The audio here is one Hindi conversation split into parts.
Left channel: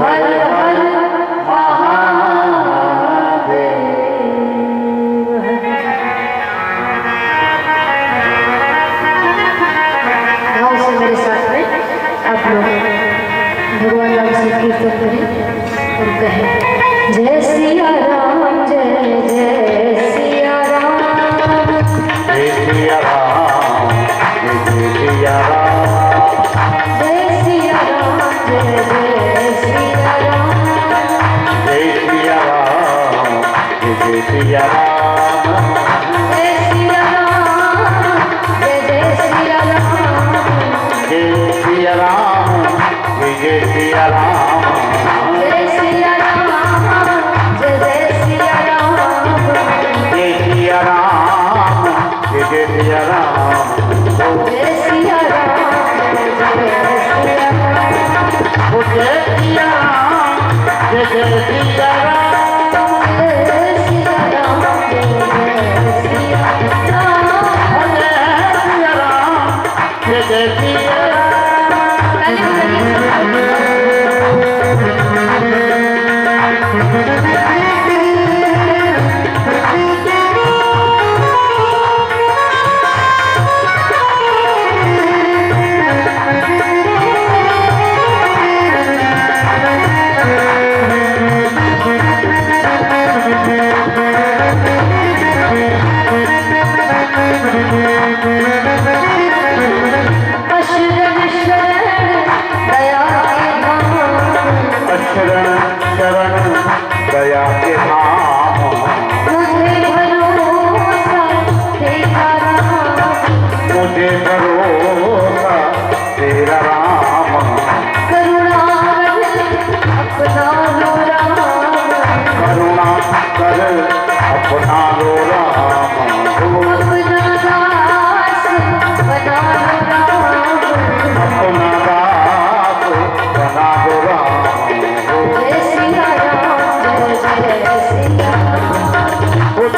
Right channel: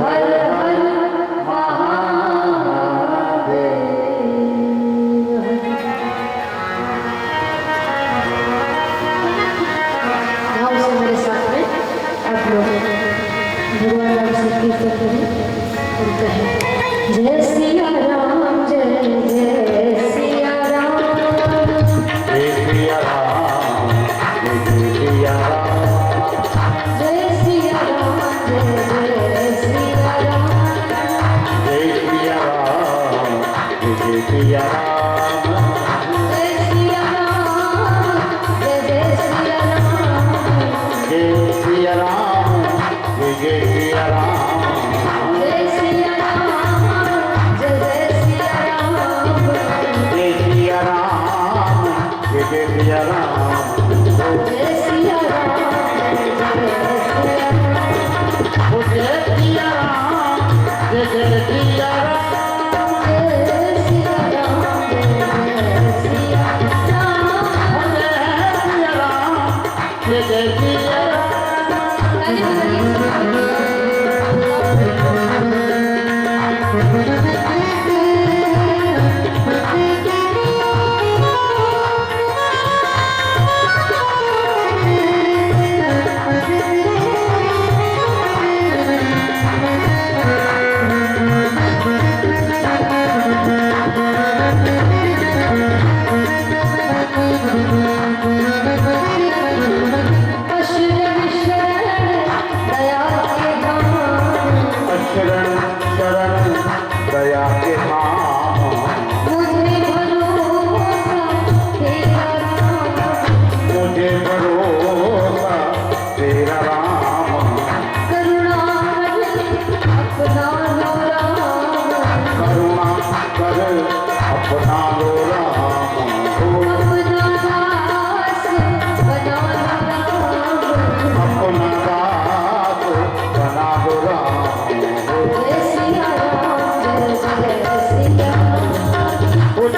हर हर महादेव। भाव से मेरे साथ में आप लोग भगवान राम से कीर्तन करें और कहें जय सिया राम जय जय सिया राम जय सिया राम जय सिया राम जय सिया राम जय जय सिया राम जय सिया राम जय सिया राम जय सिया राम जय जय सिया राम जय सिया राम जय सिया राम जय सिया राम जय जय सिया राम जय सिया राम जय सिया राम जय सिया राम जय जय सिया राम जय सिया राम जय सिया राम जय सिया राम जय सिया राम जय सिया दया के नाम मुझे भरोसा तेरा राम मुझे भरोसा तेरा राम करुणा अपना लो राम करुणा कर अपना लो राम अपना दास बना लो राम अपना दास बना दो राम जय सिया राम जय जय सिया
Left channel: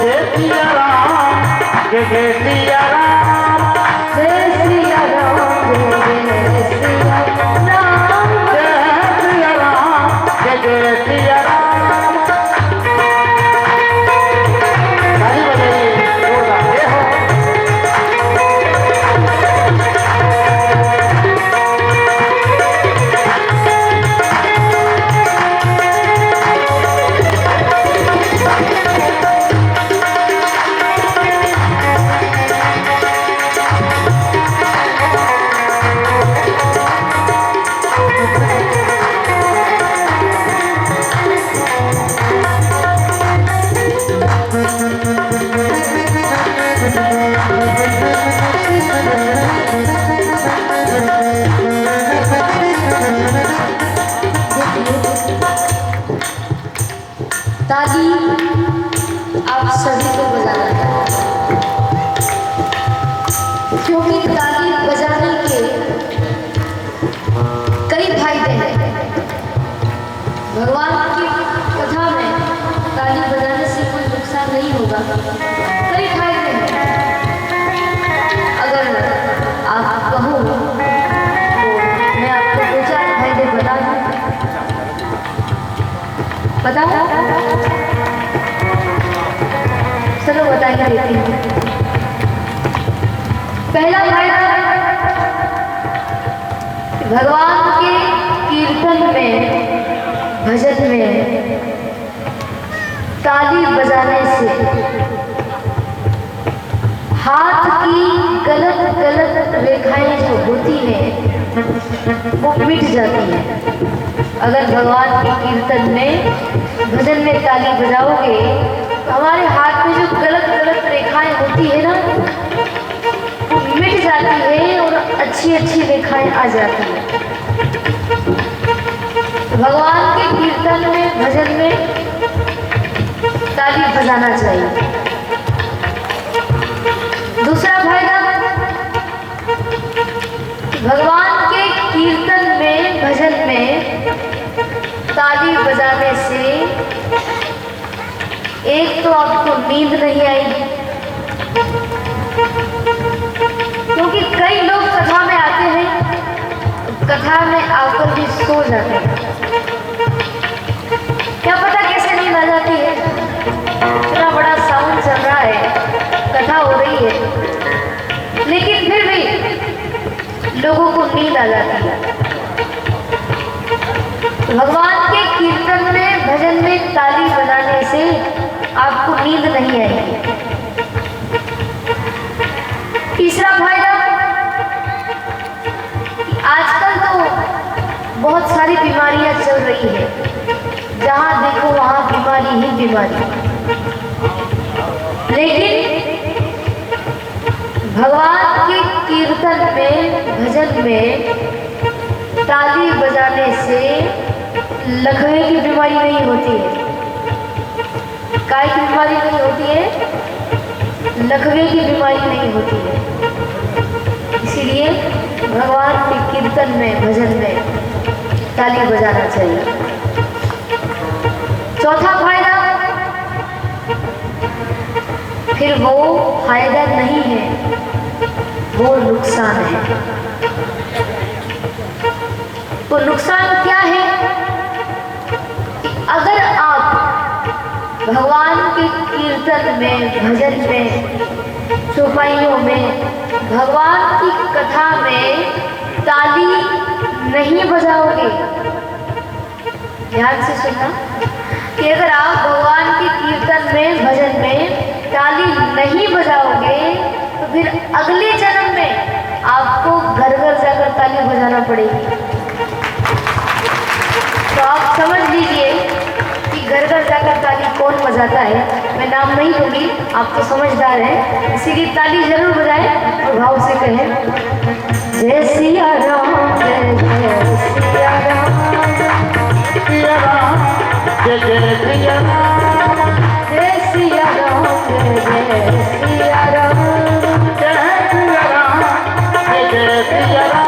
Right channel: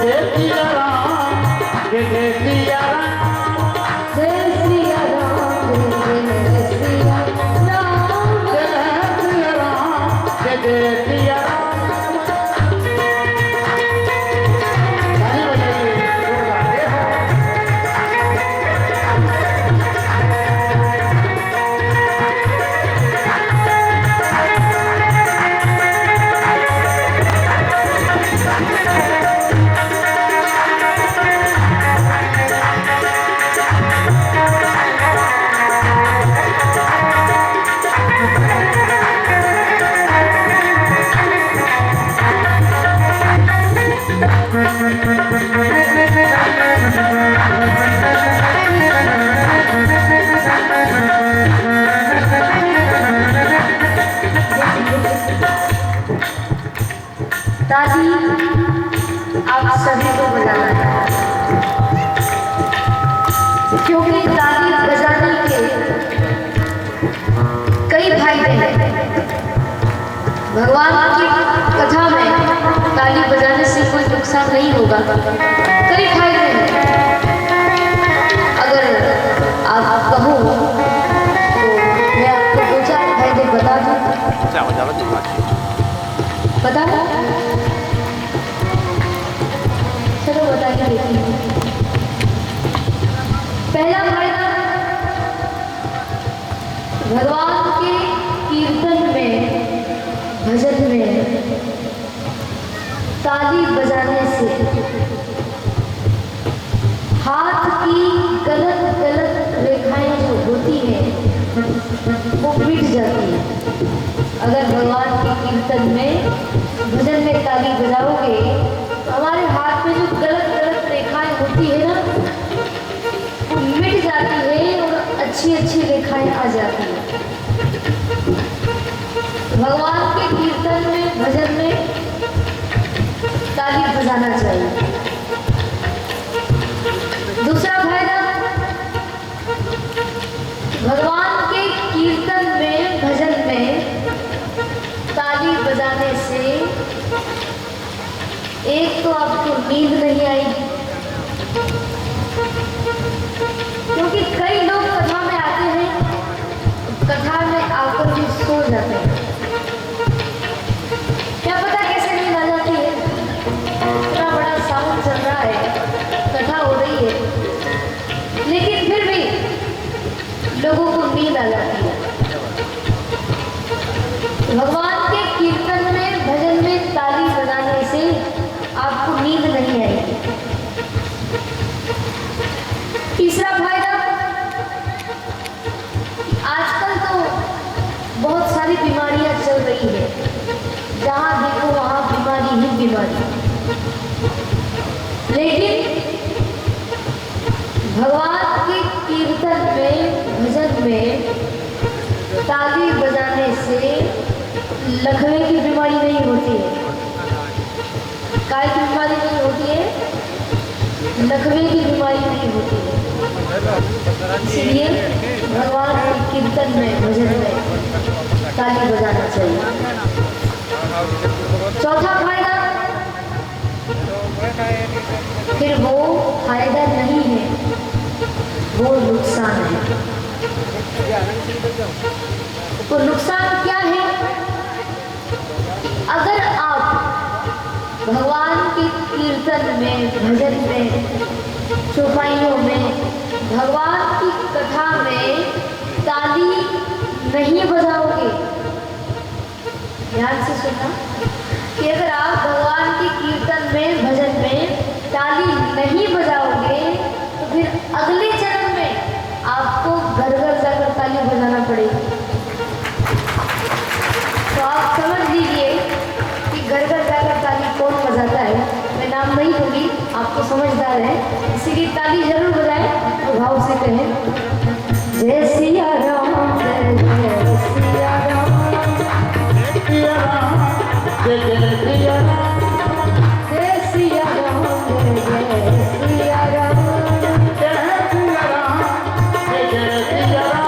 जय सिया राम जय सिया राम जय सिया राम जय सिया राम जय सिया राम जय सिया राम ताली बजाइए जोरदार जय हो ताली आप सभी को बजाना है क्योंकि ताली बजाने के कई फायदे हैं। भगवान की कथा में ताली बजाने से कोई नुकसान नहीं होगा, कई फायदे हैं। अगर आप कहो तो मैं आपको दो चार फायदे बता दूं। बताओ चलो बताइए देती हूँ। पहला फायदा भगवान के कीर्तन में भजन में ताली बजाने से हाथ की गलत गलत रेखाएं जो होती हैं वो मिट जाती हैं। अगर भगवान के कीर्तन में भजन में ताली बजाओगे तो हमारे हाथ में जो गलत गलत रेखाएं होती है ना वो मिट जाती है और अच्छी अच्छी रेखाएं आ जाती है। भगवान के कीर्तन में भजन में ताली बजाना चाहिए। दूसरा फायदा भगवान के कीर्तन में भजन में ताली बजाने से एक तो आपको नींद नहीं आएगी, क्योंकि कई लोग कथा में आते हैं, कथा में आकर भी सो जाते हैं। लोगों को नींद आ जाती है। भगवान के कीर्तन में, भजन में ताली बजाने से आपको नींद नहीं आएगी। तीसरा फायदा, आजकल तो बहुत सारी बीमारियां चल रही है, जहां देखो वहां बीमारी ही बीमारी। लेकिन भगवान के कीर्तन में, भजन में ताली बजाने से लकवे की बीमारी नहीं होती है। काय की बीमारी नहीं होती है, लकवे की बीमारी नहीं होती है। इसलिए भगवान के कीर्तन में, भजन में ताली बजाना चाहिए। चौथा फायदा, फिर वो फायदा नहीं है, वो नुकसान है। वो नुकसान क्या है? अगर आप भगवान के कीर्तन में, भजन में, चौपाइयों में, भगवान की कथा में ताली नहीं बजाओगे, ध्यान से सुनना, कि अगर आप भगवान के कीर्तन में, भजन में ताली नहीं बजाओगे तो फिर अगले जन्म में आपको घर घर जाकर ताली बजाना पड़ेगी। तो आप समझ लीजिए कि घर घर जाकर ताली कौन बजाता है। मैं नाम नहीं लूंगी, आप तो समझदार हैं, इसीलिए ताली जरूर बजाएं और भाव से कहें, जय सिया राम, जय जय सिया राम, सिया राम, जय जय सिया राम, जय सिया राम, जय जय सिया राम, जय सिया राम, जय जय सिया राम।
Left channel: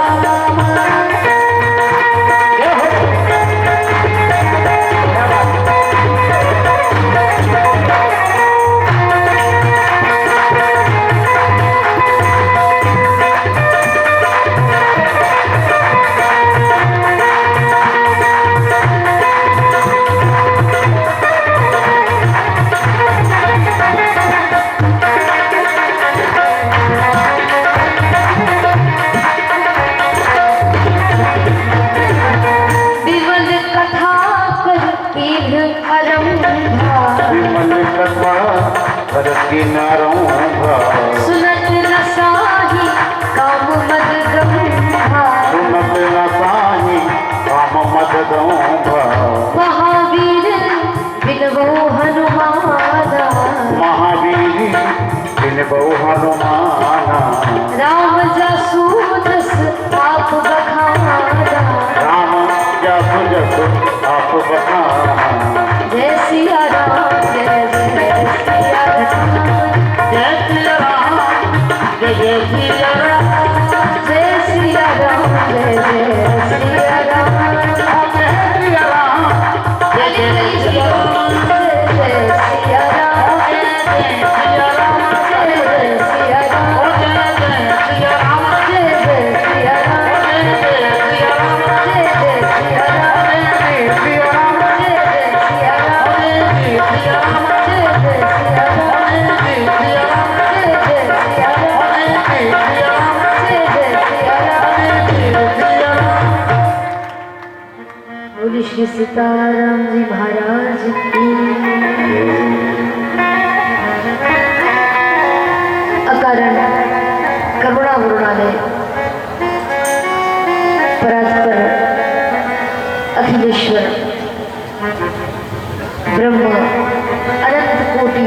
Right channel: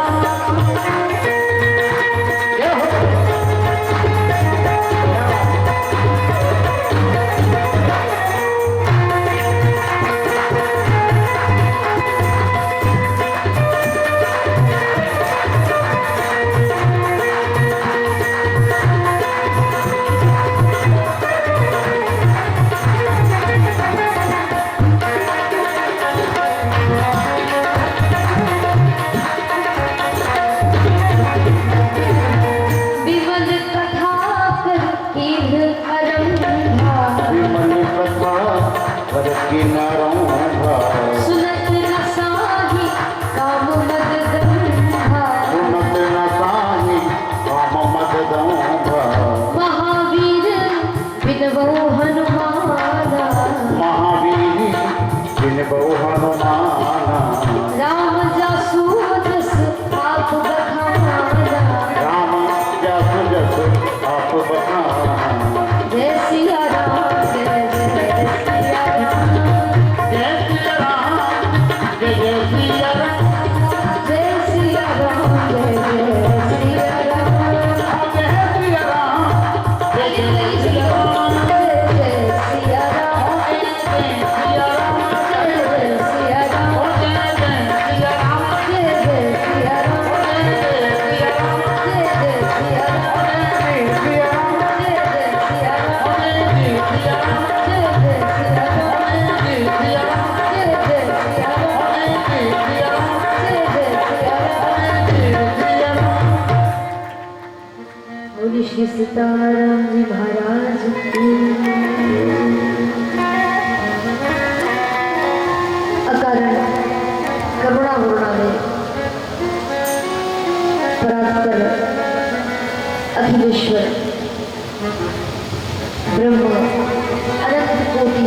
सुनत न साही काम मद गंभा, सुनत न साही काम मद गंभा, महावीर बिनबो हनुमाना, महावीर बिनबो हनुमाना, राम जासु जस आप बखाना, राम जासु जस आप बखाना, जय सिया राम, जय जय सिया राम, जय सिया राम, जय जय सिया राम, जय सिया राम, जय जय सिया राम, जय सिया राम, जय जय सिया राम, जय जय सिया राम, जय जय सिया राम, जय जय सिया राम, जय जय सिया राम, जय जय सिया राम, जय जय सिया राम, जय जय सिया राम, जय जय सिया राम, जय जय सिया राम, जय जय सिया राम, जय जय सिया राम, जय जय सिया राम, जय जय सिया राम, जय जय सिया राम, जय जय सिया राम। जय सिया राम। बोली श्री सीताराम जी महाराज की। अकारण करुणा वरुणालय परात्पर अखिलेश्वर ब्रह्म अनंत कोटि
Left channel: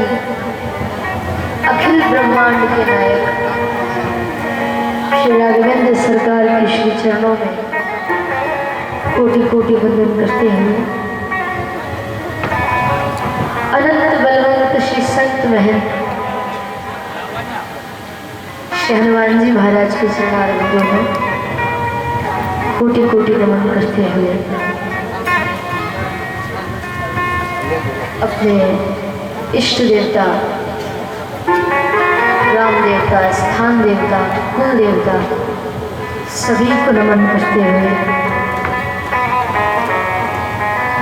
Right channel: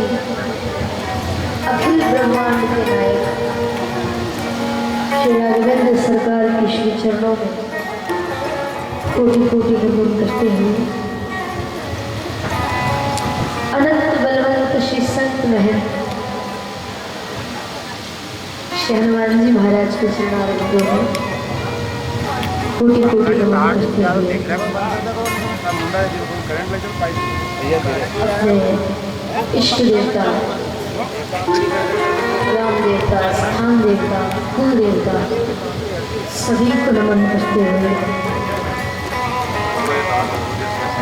अखिल ब्रह्मांड के नायक श्री राघवेंद्र सरकार के श्री चरणों में कोटि कोटि वंदन करते हुए अनंत बलवंत श्री संत महंत श्री हनुमान जी महाराज के चरणारविंदों में कोटि कोटि नमन करते हुए अपने इष्ट देवता, राम देवता, स्थान देवता, कुल देवता सभी को नमन करते हुए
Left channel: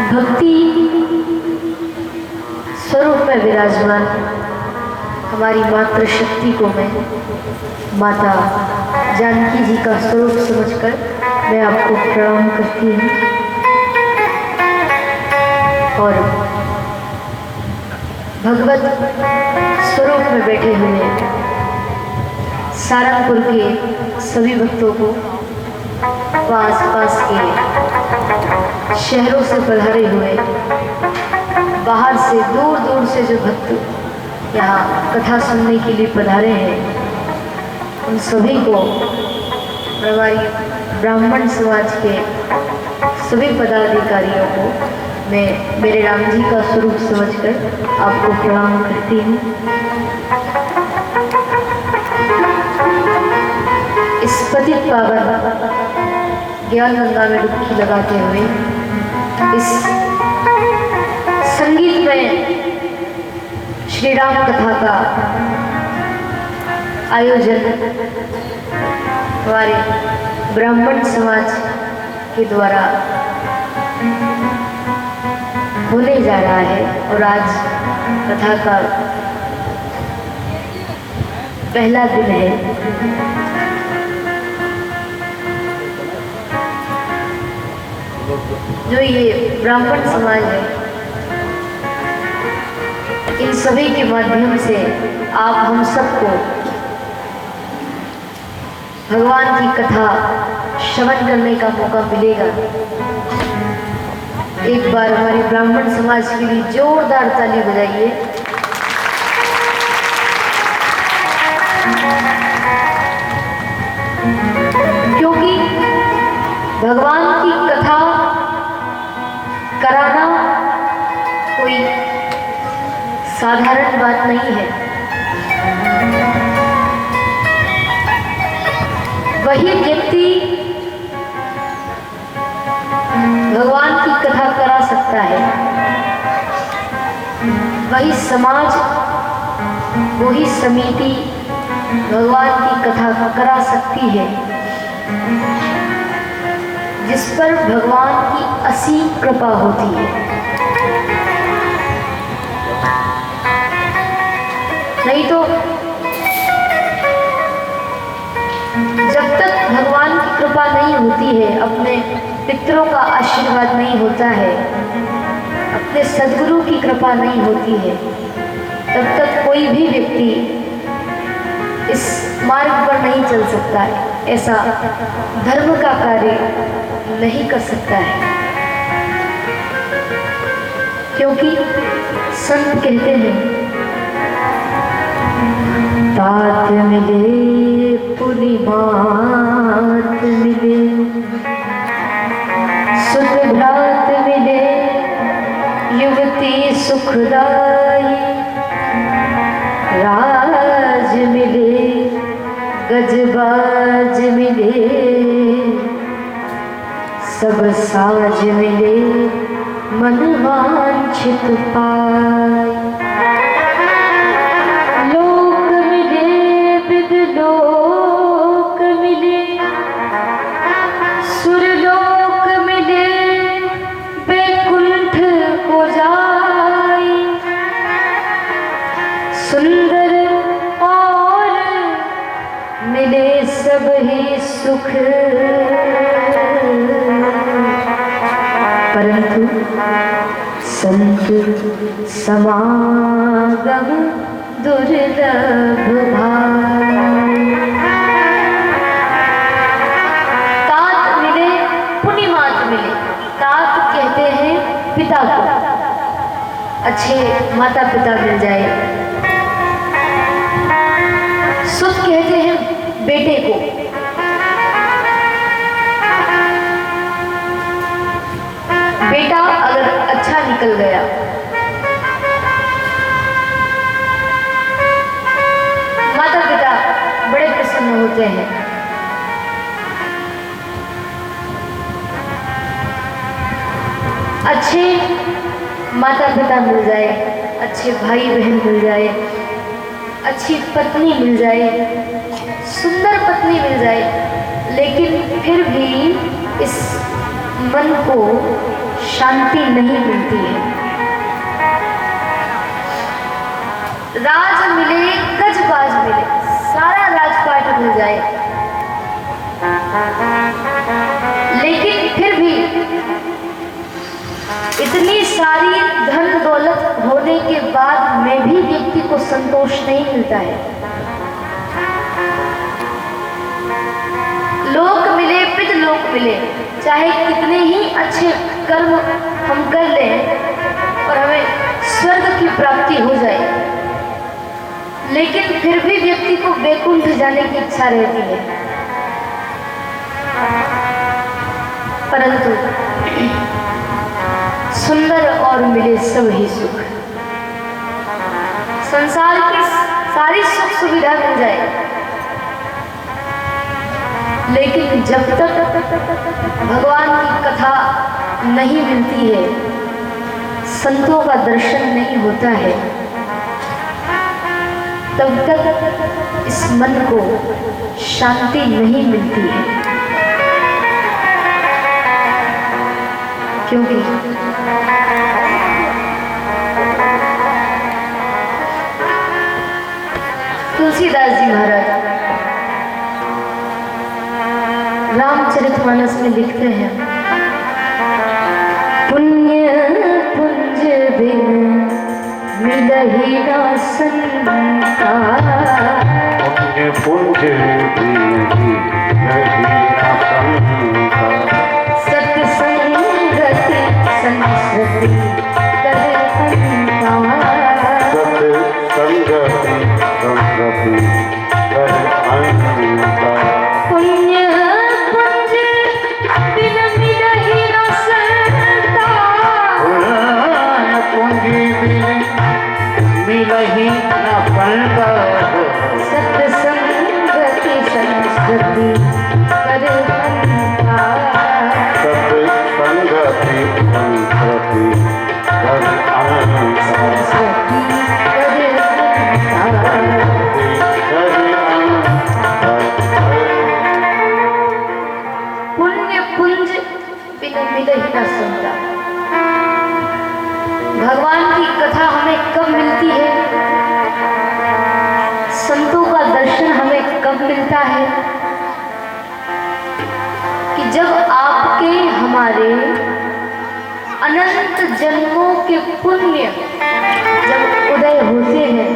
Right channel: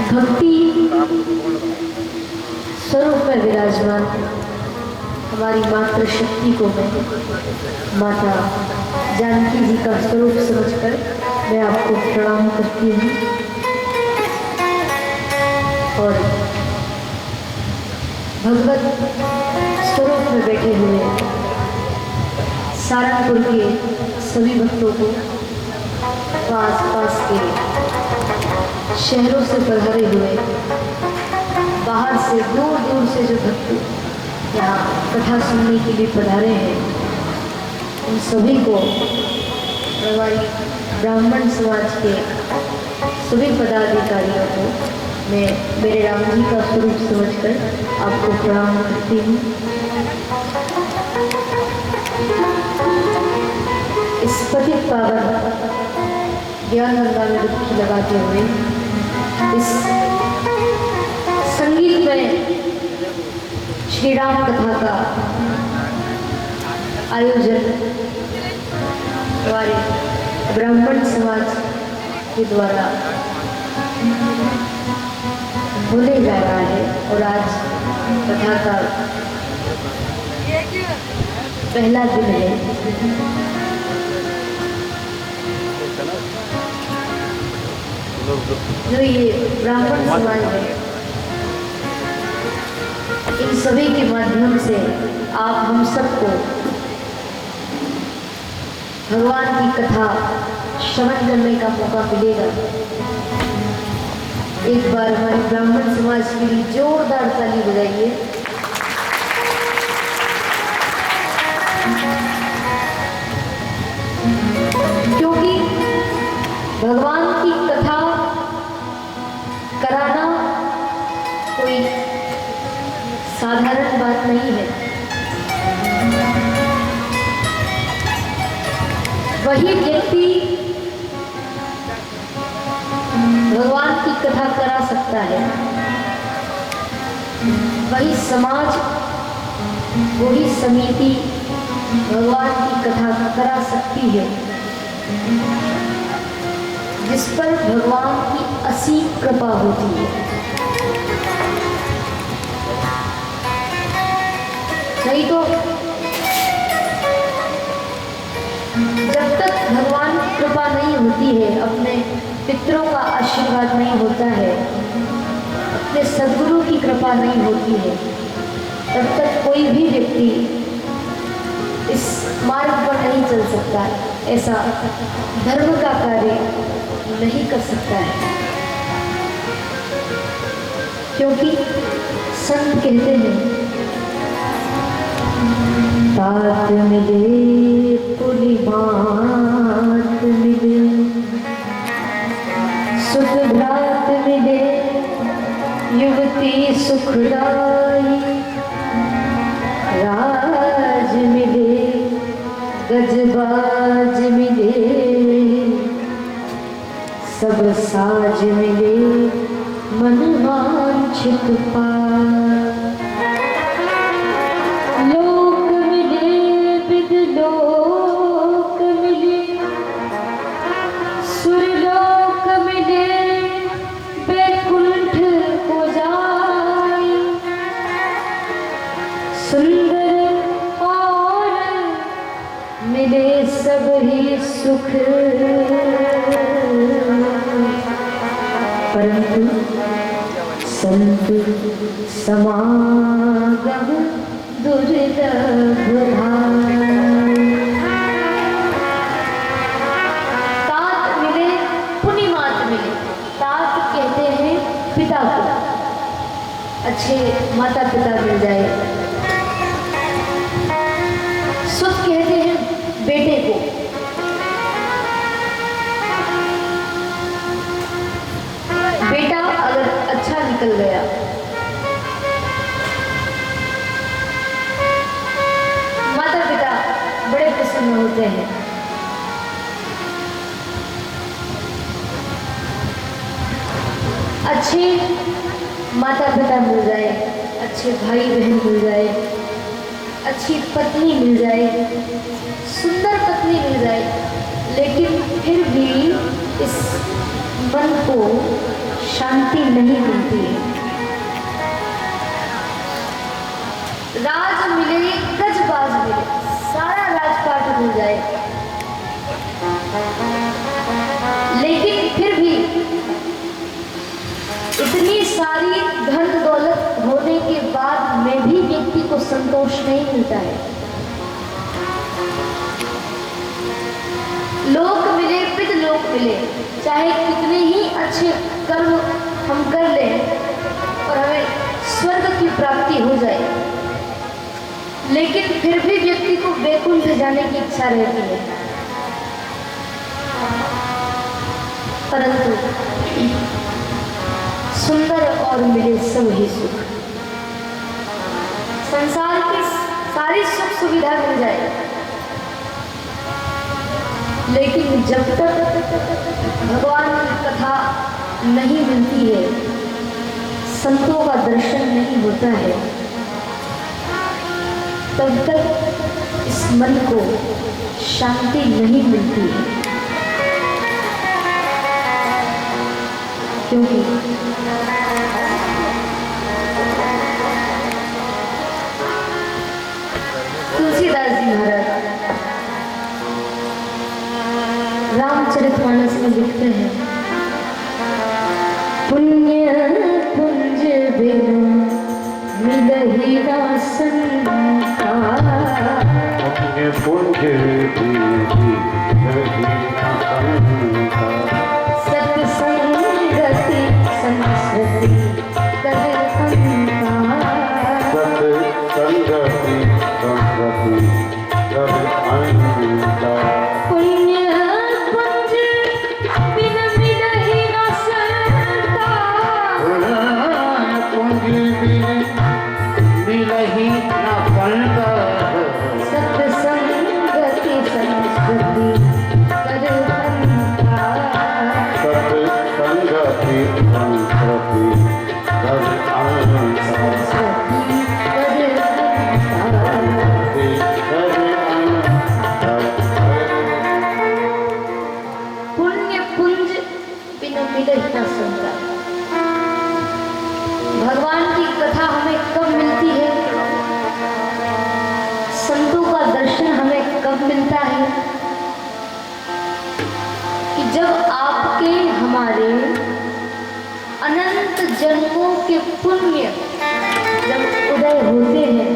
भक्ति स्वरूप में विराजमान हमारी मातृशक्ति को मैं माता जानकी जी का स्वरूप समझकर मैं आपको प्रणाम करती हूँ और भगवत स्वरूप में बैठे हुए सारंगपुर के सभी भक्तों को व आसपास के शहरों से पधारे हुए बाहर से दूर दूर से जो भक्त यहाँ कथा सुनने के लिए पधारे हैं उन सभी को हमारी ब्राह्मण समाज के सभी पदाधिकारियों को मैं मेरे राम जी का स्वरूप समझकर आपको प्रणाम करती हूँ। इस पतित पावन ज्ञान गंगा में डुबकी लगाते हुए इस संगीत में श्री राम कथा का आयोजन हमारे ब्राह्मण समाज के द्वारा होने जा रहा है और आज कथा का पहला दिन है। जो ये ब्राह्मण समाज है इन सभी के माध्यम से आप हम सबको भगवान की कथा श्रवण करने का मौका मिलेगा। एक बार हमारे ब्राह्मण समाज के लिए जोरदार ताली बजाइए। क्योंकि भगवान की कथा कराना कोई साधारण बात नहीं है। वही व्यक्ति भगवान की कथा करा सकता है, वही समाज वही समिति भगवान की कथा करा सकती है जिस पर भगवान की असीम कृपा होती है। नहीं तो जब तक भगवान की कृपा नहीं होती है, अपने पितरों का आशीर्वाद नहीं होता है, अपने सद्गुरु की कृपा नहीं होती है, तब तक कोई भी व्यक्ति इस मार्ग पर नहीं चल सकता है, ऐसा धर्म का कार्य नहीं कर सकता है। क्योंकि संत कहते हैं तात मिले पुनि मात मिले, सुख भ्रात मिले युवती सुखदाई, राज मिले गजबाज मिले, सब साज मिले मन वांछित पाए, लोक मिले विद लोक मिले, सुरलोक मिले बैकुंठ को जाई, सुंदर और मिले सब ही सुख, परंतु संत समागम दुर्लभ भाई। तात मिले पुनि मात मिले। तात कहते हैं पिता को, अच्छे माता पिता मिल जाए। सुत कहते हैं बेटे को। बेटा अगर अच्छा निकल गया, माता पिता बड़े प्रसन्न होते हैं। अच्छे माता पिता मिल जाए, अच्छे भाई बहन मिल जाए, अच्छी पत्नी मिल जाए, सुंदर पत्नी मिल जाए, लेकिन फिर भी इस मन को शांति नहीं मिलती है। राज मिले गजबाज मिले, सारा राजपाट मिल जाए, लेकिन फिर भी इतनी सारी धन दौलत होने के बाद में भी व्यक्ति को संतोष नहीं मिलता है। लोक मिले पितलोक मिले, चाहे कितने ही अच्छे कर्म हम कर लें और हमें स्वर्ग की प्राप्ति हो जाए, लेकिन फिर भी व्यक्ति को वैकुंठ जाने की इच्छा रहती है। परंतु सुंदर और मिले सब ही सुख, संसार की सारी सुख सुविधा मिल जाए, लेकिन जब तक भगवान की कथा नहीं मिलती है, संतों का दर्शन नहीं होता है, तब तक इस मन को शांति नहीं मिलती है। क्योंकि तुलसीदास जी महाराज रामचरितमानस में लिखते हैं, पुण्य पुंज बिन मिलहि ना संता, पुण्य पुंज बिन मिलहि ना संता, सत्संगति संस्कृति कर अंता, सत्संगति संस्कृति कर अंता, पुण्य पुंज बिन मिलहि ना संता, पुण्य पुंज बिन मिलहि ना संता, सत्संगति संस्कृति कर अंता, सत्संगति संस्कृति कर अंता, पुण्य पुंज बिन मिलहि ना संता। भगवान की कथा हमें कब मिलती है, संतों का दर्शन हमें कब मिलता है, कि जब आपके हमारे अनंत जन्मों के पुण्य जब उदय होते हैं,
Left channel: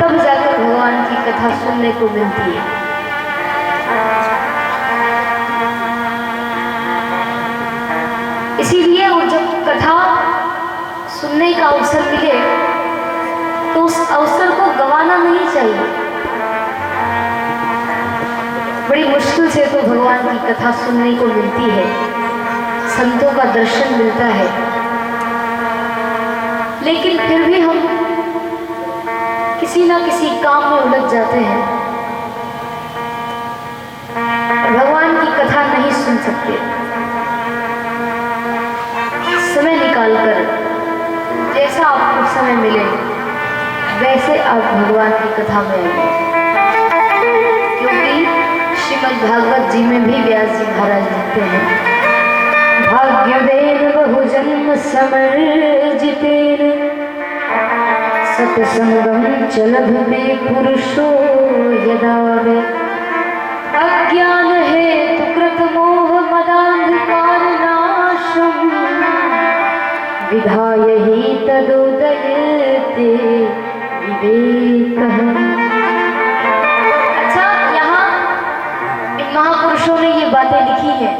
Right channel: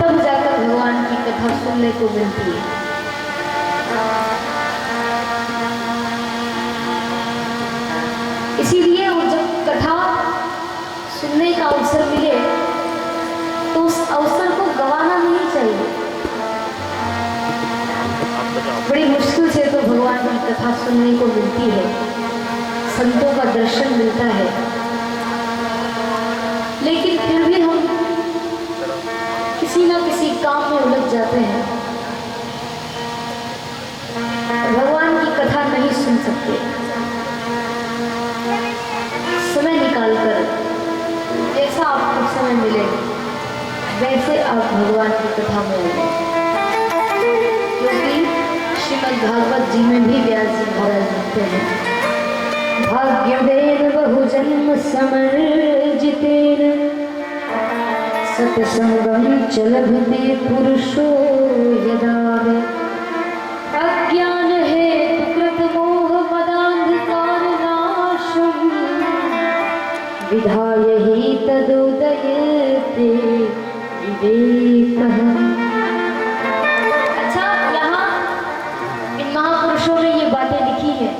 तब जाकर भगवान की कथा सुनने को मिलती है। इसीलिए वो जब कथा सुनने का अवसर मिले तो उस अवसर को गंवाना नहीं चाहिए। बड़ी मुश्किल से तो भगवान की कथा सुनने को मिलती है, संतों का दर्शन मिलता है, लेकिन फिर भी हम किसी ना किसी काम में उलझ जाते हैं, भगवान की कथा नहीं सुन सकते। समय निकालकर जैसा आपको समय मिले वैसे आप भगवान की कथा में आइए, क्योंकि श्रीमद् भागवत जी में भी व्यास जी महाराज लिखते हैं, भाग्यवेद बहुजन्म समर्जितेन सत्संगम च लभते पुरुषो यदा वे, अज्ञान हेतु कृत मोह मदांधकार नाशम विधाय ही तदुदयते विवेकः। अच्छा, यहाँ इन महापुरुषों ने ये बातें लिखी हैं,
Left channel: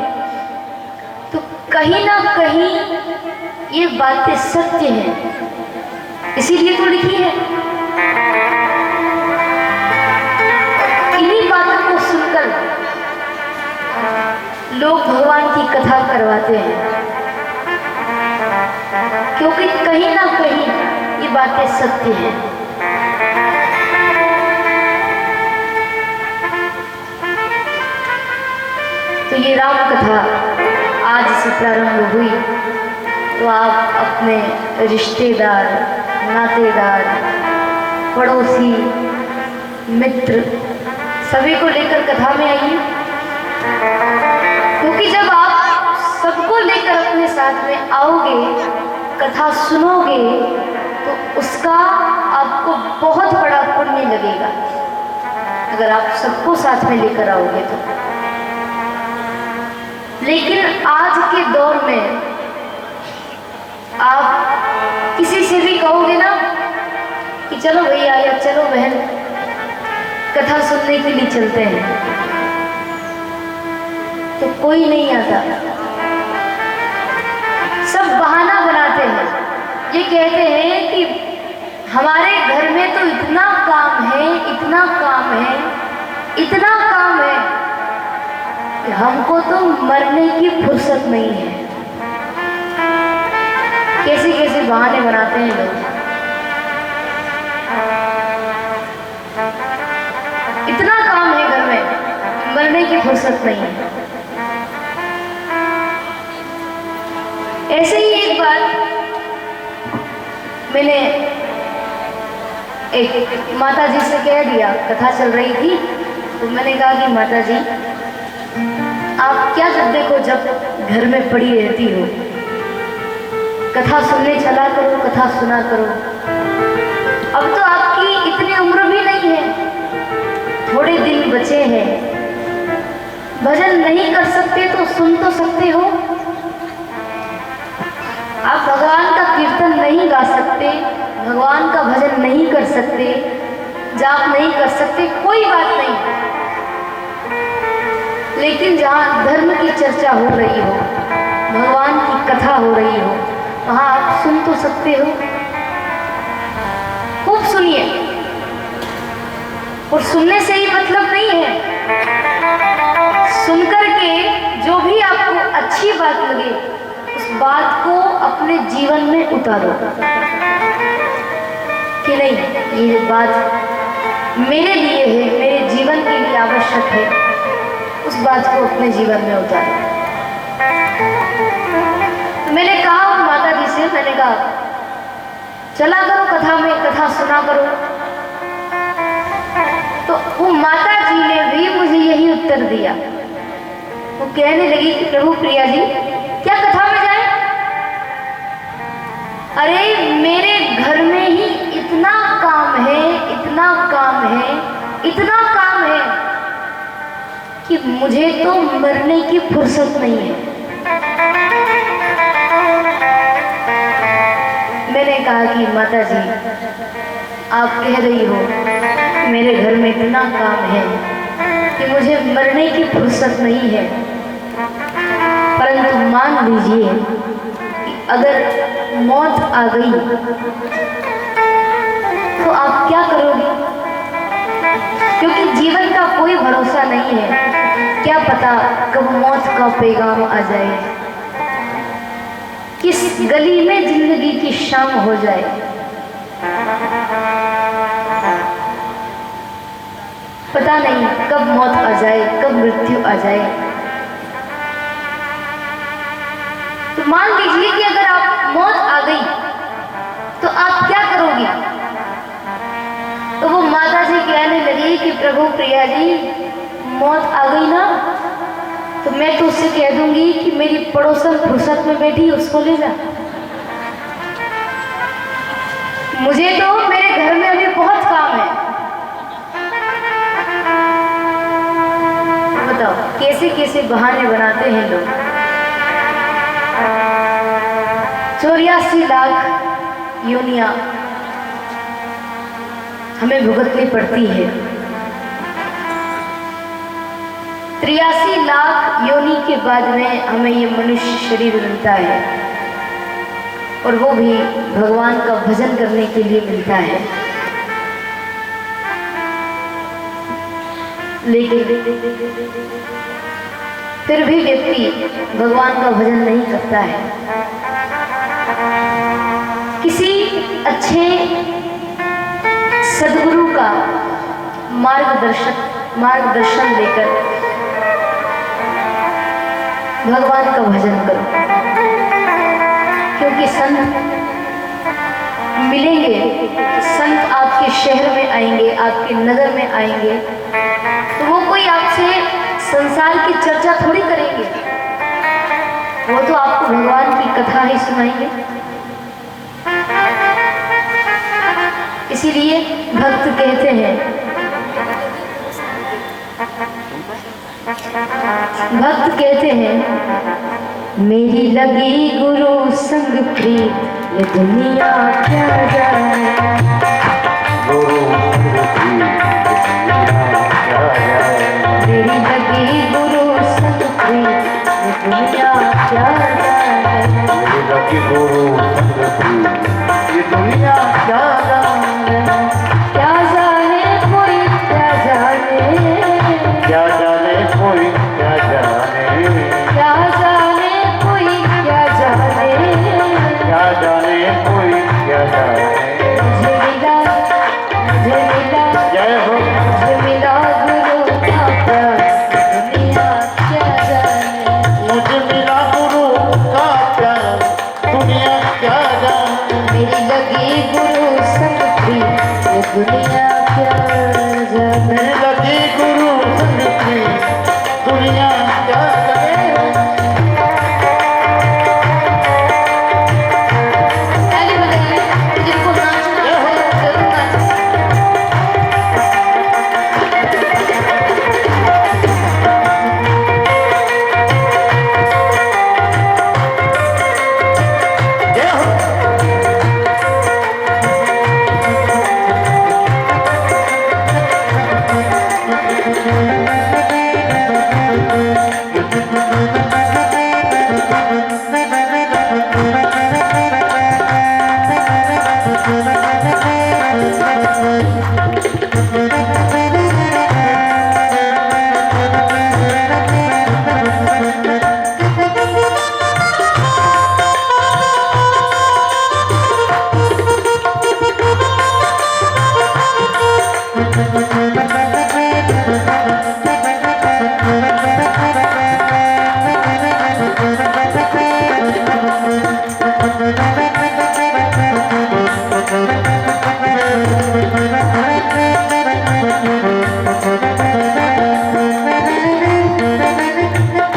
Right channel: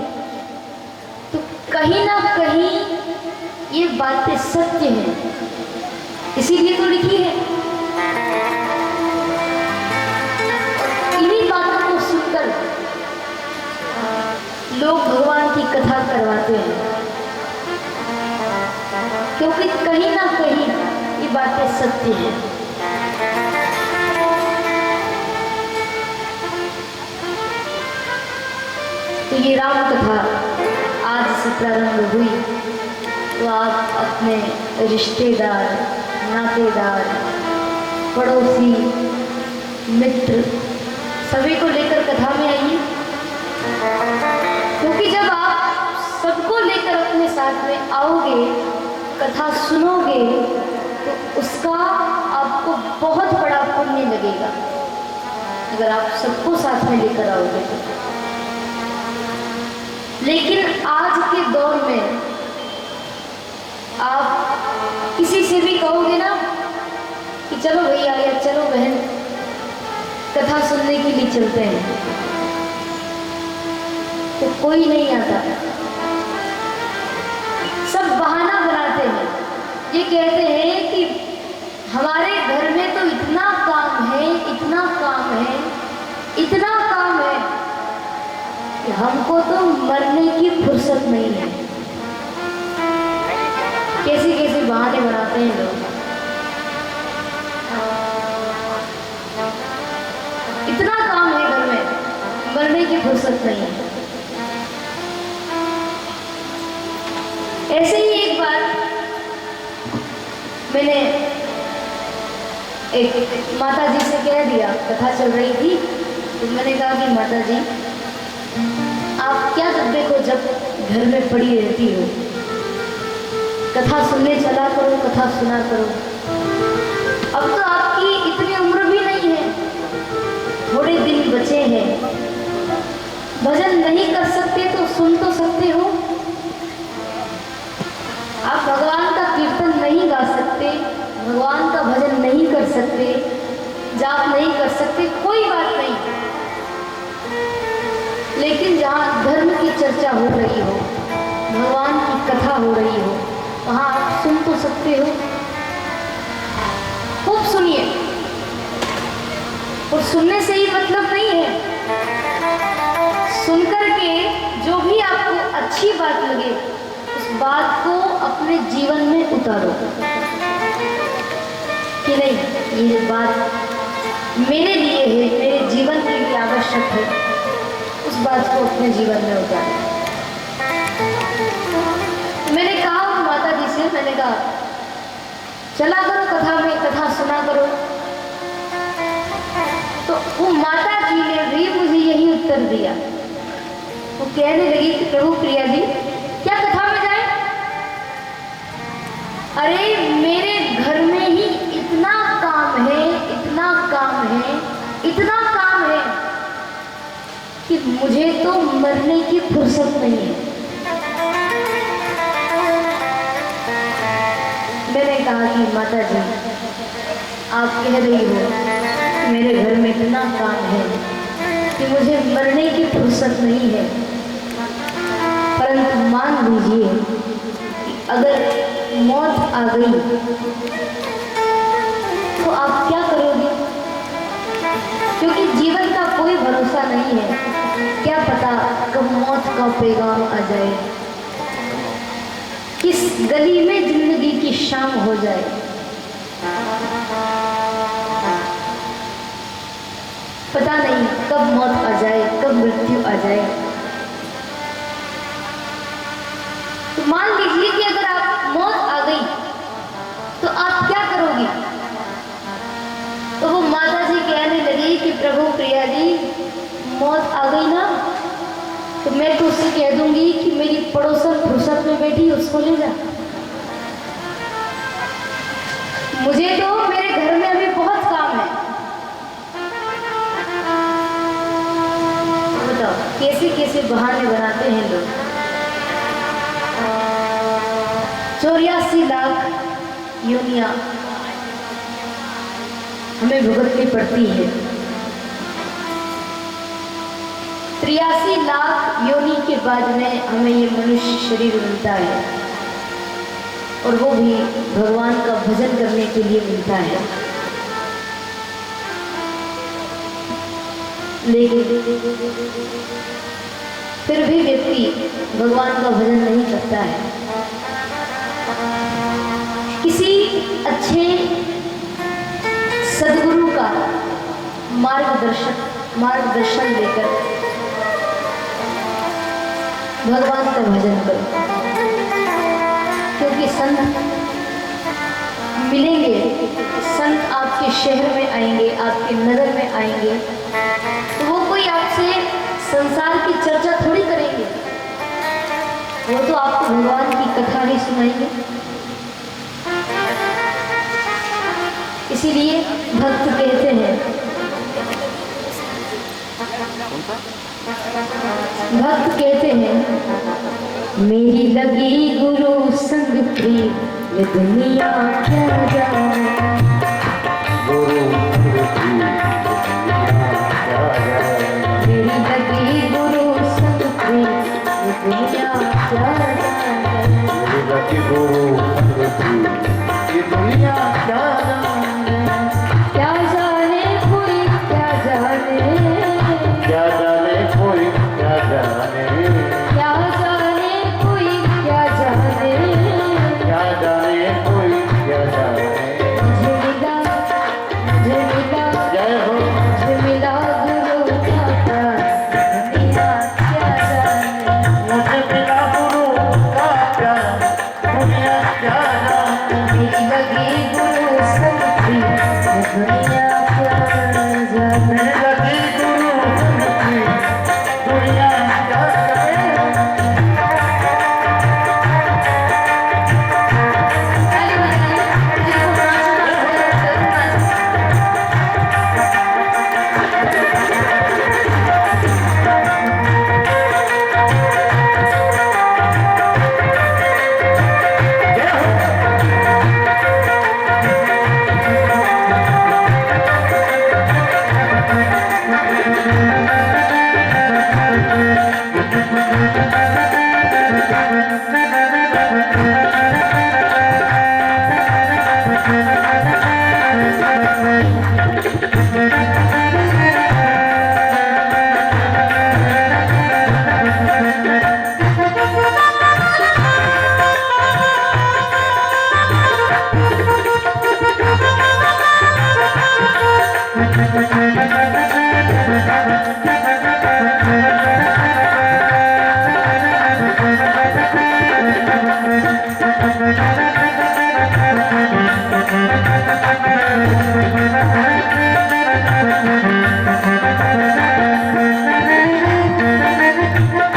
तो कहीं ना कहीं ये बातें सत्य हैं, इसीलिए तो लिखी है। इन्हीं बातों को सुनकर लोग भगवान की कथा करवाते हैं, क्योंकि कहीं ना कहीं ये बातें सत्य हैं। तो ये राम कथा आज से प्रारंभ हुई, तो आप अपने रिश्तेदार, नातेदार, पड़ोसी, मित्र सभी को लेकर कथा में आइए, क्योंकि जब आप सबको लेकर अपने साथ में आओगे, कथा सुनोगे, तो उसका आपको बहुत बड़ा पुण्य लगेगा अगर आप सबको साथ में लेकर आओगे तो। लेकिन आज के दौर में आप किसी से भी कहोगे ना कि चलो भैया या चलो बहन कथा सुनने के लिए चलते हैं, तो कोई नहीं आता। सब बहाना बनाते हैं, ये कहते हैं कि हमारे घर में तो इतना काम है, इतना काम है, इतना काम है कि हमको तो मरने की फुर्सत नहीं है। कैसे कैसे बहाने बनाते हैं लोग। इतना काम है घर में, मरने की फुर्सत नहीं है। ऐसे ही एक बार मैंने एक माता जी से कह दिया, कथा चल रही थी तो मैंने कहा कि माता जी आप क्या करते हो जब घर में पड़ी रहती हो, कथा सुनने चला करो, कथा सुना करो। अब तो आपकी इतनी उम्र भी नहीं है, थोड़े दिन बचे हैं, भजन नहीं कर सकते तो सुन तो सकते हो। आप भगवान का कीर्तन नहीं गा सकते, भगवान का भजन नहीं कर सकते, जाप नहीं कर सकते, कोई बात नहीं, लेकिन जहाँ धर्म की चर्चा हो रही हो, भगवान की कथा हो रही हो, वहाँ आप सुन तो सकते हो। खूब सुनिए, और सुनने से ही मतलब नहीं है, सुनकर के जो भी आपको अच्छी बात लगे उस बात को अपने जीवन में उतारो कि नहीं ये बात मेरे लिए है, मेरे जीवन के लिए आवश्यक है, उस बात को अपने जीवन में उतारो। मैंने कहा माता जी से, मैंने कहा चला करो कथा में, कथा सुना करो। तो वो माता जी ने भी मुझे यही उत्तर दिया। वो कहने लगी कि प्रभु प्रिया जी क्या कथा में जाए? अरे मेरे घर में ही इतना काम है, इतना काम है, इतना काम है कि मुझे तो मरने की फुर्सत नहीं है। मैंने कहा कि माता जी आप कह रही हो मेरे घर में इतना काम है कि मुझे मरने की फुर्सत नहीं है, परंतु मान लीजिए कि अगर मौत आ गई तो आप क्या करोगे? क्योंकि जीवन का कोई भरोसा नहीं है, क्या पता कब मौत का पैगाम आ जाए, किस गली में जिंदगी की शाम हो जाए। पता नहीं कब मौत आ जाए, कब मृत्यु आ जाए। तो मान लीजिए कि अगर आप मौत आ गई तो आप क्या करोगी? तो वो माता जी कहने लगी कि प्रभु प्रिया जी मौत आ गई ना तो मैं तो उससे कह दूंगी कि मेरी पड़ोसन फुर्सत में बैठी उसको ले जा। मुझे तो मेरे घर में अभी बहुत काम है। बताओ कैसे कैसे बहाने बनाते हैं लोग। 84 लाख योनियां हमें भुगतनी पड़ती है। 83 लाख योनि के बाद में हमें ये मनुष्य शरीर मिलता है, और वो भी भगवान का भजन करने के लिए मिलता है। लेकिन फिर भी व्यक्ति भगवान का भजन नहीं करता है। किसी अच्छे सद्गुरु का मार्गदर्शन लेकर भगवान का भजन करो, क्योंकि संत मिलेंगे, संत आपके शहर में आएंगे, आपके नगर में आएंगे, तो वो कोई आपसे संसार की चर्चा थोड़ी करेंगे, वो तो आपको भगवान की कथा ही सुनाएंगे। इसीलिए भक्त कहते हैं, भक्त कहते हैं, मेरी लगी गुरु संग प्रीत ये दुनिया क्या जाने। गुरु मेरी लगी गुरु संग प्रीत ये दुनिया क्या जाने। लगी गुरु ये दुनिया क्या जाने। क्या जाने कोई क्या जाने। क्या जाने कोई क्या जाने। क्या जाने कोई क्या जाने। क्या जाने कोई क्या जाने। मुझे मिला जय हो मुझे मिला गुरु का प्यार दुनिया क्या जाने। मुझे मिला गुरु का प्यार दुनिया क्या जाने। मेरी लगी गुरु संग प्रीत ये दुनिया क्या जाने। मेरी लगी गुरु संग प्रीत दुनिया क्या जाने। ताली बजाइए, जिनको नाचना है जरूर नाचें। जय हो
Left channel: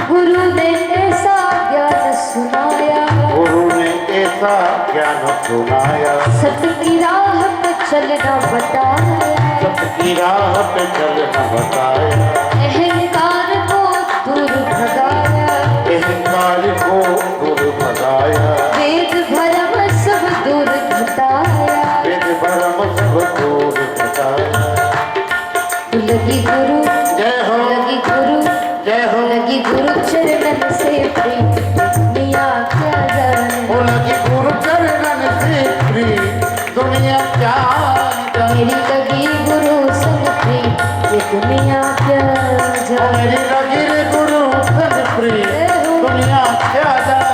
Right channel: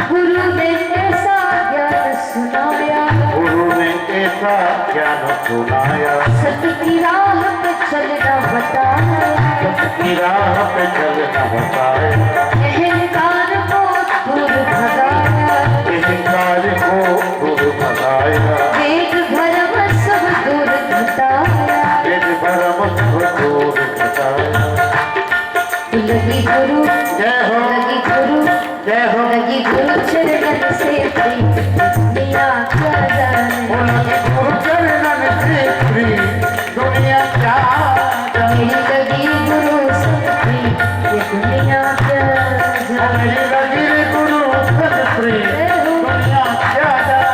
गुरु ने ऐसा ज्ञान सुनाया, गुरु ने ऐसा ज्ञान सुनाया। सत्य की राह पे चलना बताया। सत्य राह पे चलना बताया। अहंकार को दूर भगाया। अहंकार को दूर भगाया। वेद भरम सब दूर घटाया। वेद भरम सब दूर भगाया। लगी गुरु जय हो लगी गुरु जय हो लगी गुरु चरणन से प्रीत दुनिया क्या जाने। वो लगी गुरु चरणन से प्रीत दुनिया क्या जाने। मेरी लगी गुरु संग प्रीत ये दुनिया क्या जाने। मेरी लगी रे गुरु संग प्रीत दुनिया क्या जाने।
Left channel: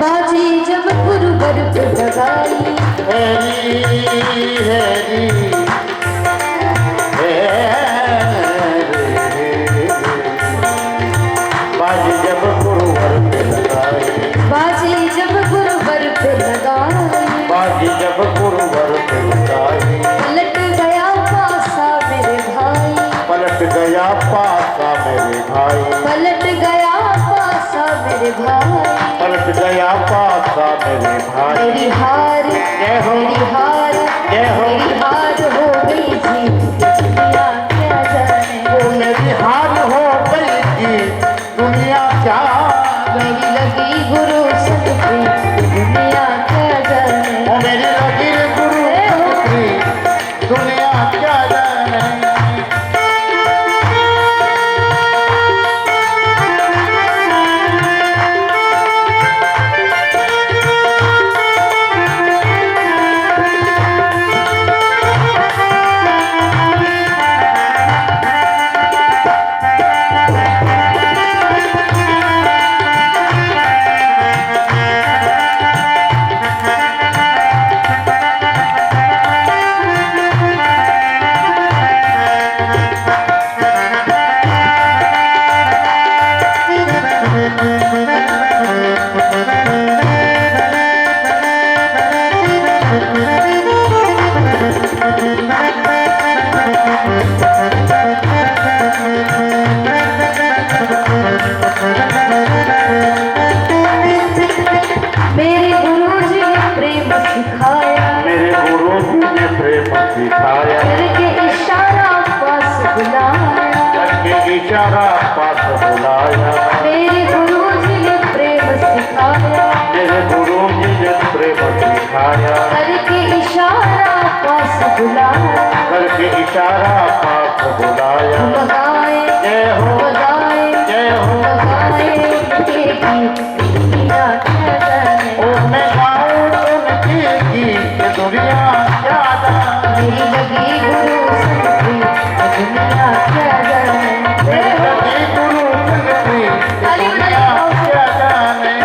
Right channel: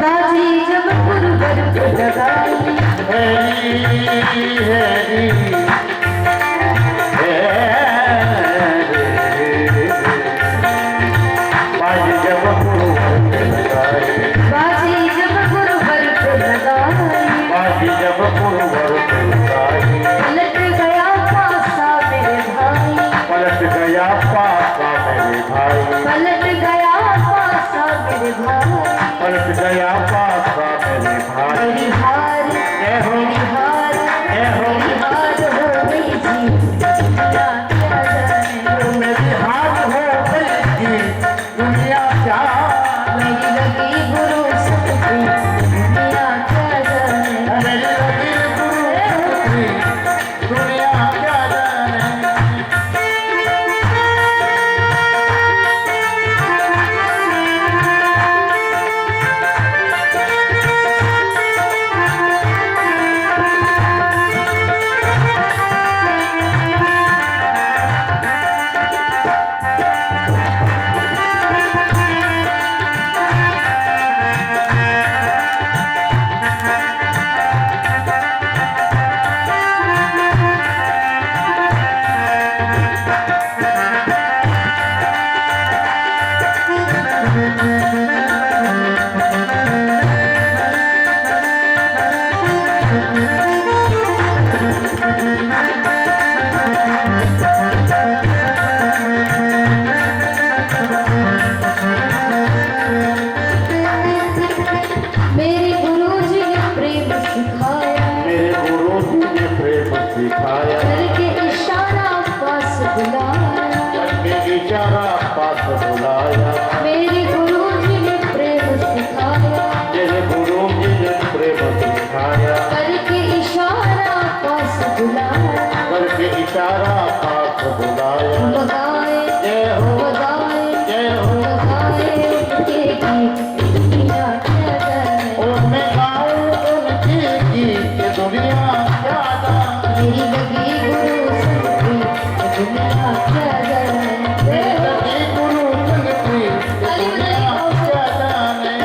बाजी जब गुरु घर पे लगाई। हैरी हैरी बाजी जब गुरु घर पे लगाए। बाजी जब गुरु घर पे लगाई। बाजी जब गुरु घर पे लगाए। पलट गया पासा मेरे भाई। पलट गया पासा मेरे भाई। पलट गया पासा मेरे भाई। पलट गया पासा मेरे भाई। मेरी हार जय हो मेरी हार जय हो मेरी हार हो गई थी दुनिया क्या जाने। वो मेरी हार हो गई थी दुनिया क्या जाने। मेरी लगी गुरु संग प्रीत दुनिया क्या जाने। वो मेरी लगी गुरु संग प्रीत दुनिया क्या जाने। दिखाया, करके इशारा पास बुलाया, करके इशारा पास बुलाया, मेरे गुरुजी ने प्रेम सिखाया, मेरे गुरु जी ने प्रेम सिखाया, करके इशारा पास बुलाया, करके इशारा पास बुलाया। बगाए जय हो, बगाए जय हो, बगाए उनके गीत दुनिया क्या जाने, ओ मैं गाऊं उनके गीत दुनिया क्या जाने, मेरी लगी गुरु संग प्रीत दुनिया क्या जाने। मेरी लगी गुरु संग प्रीत दुनिया क्या जाने।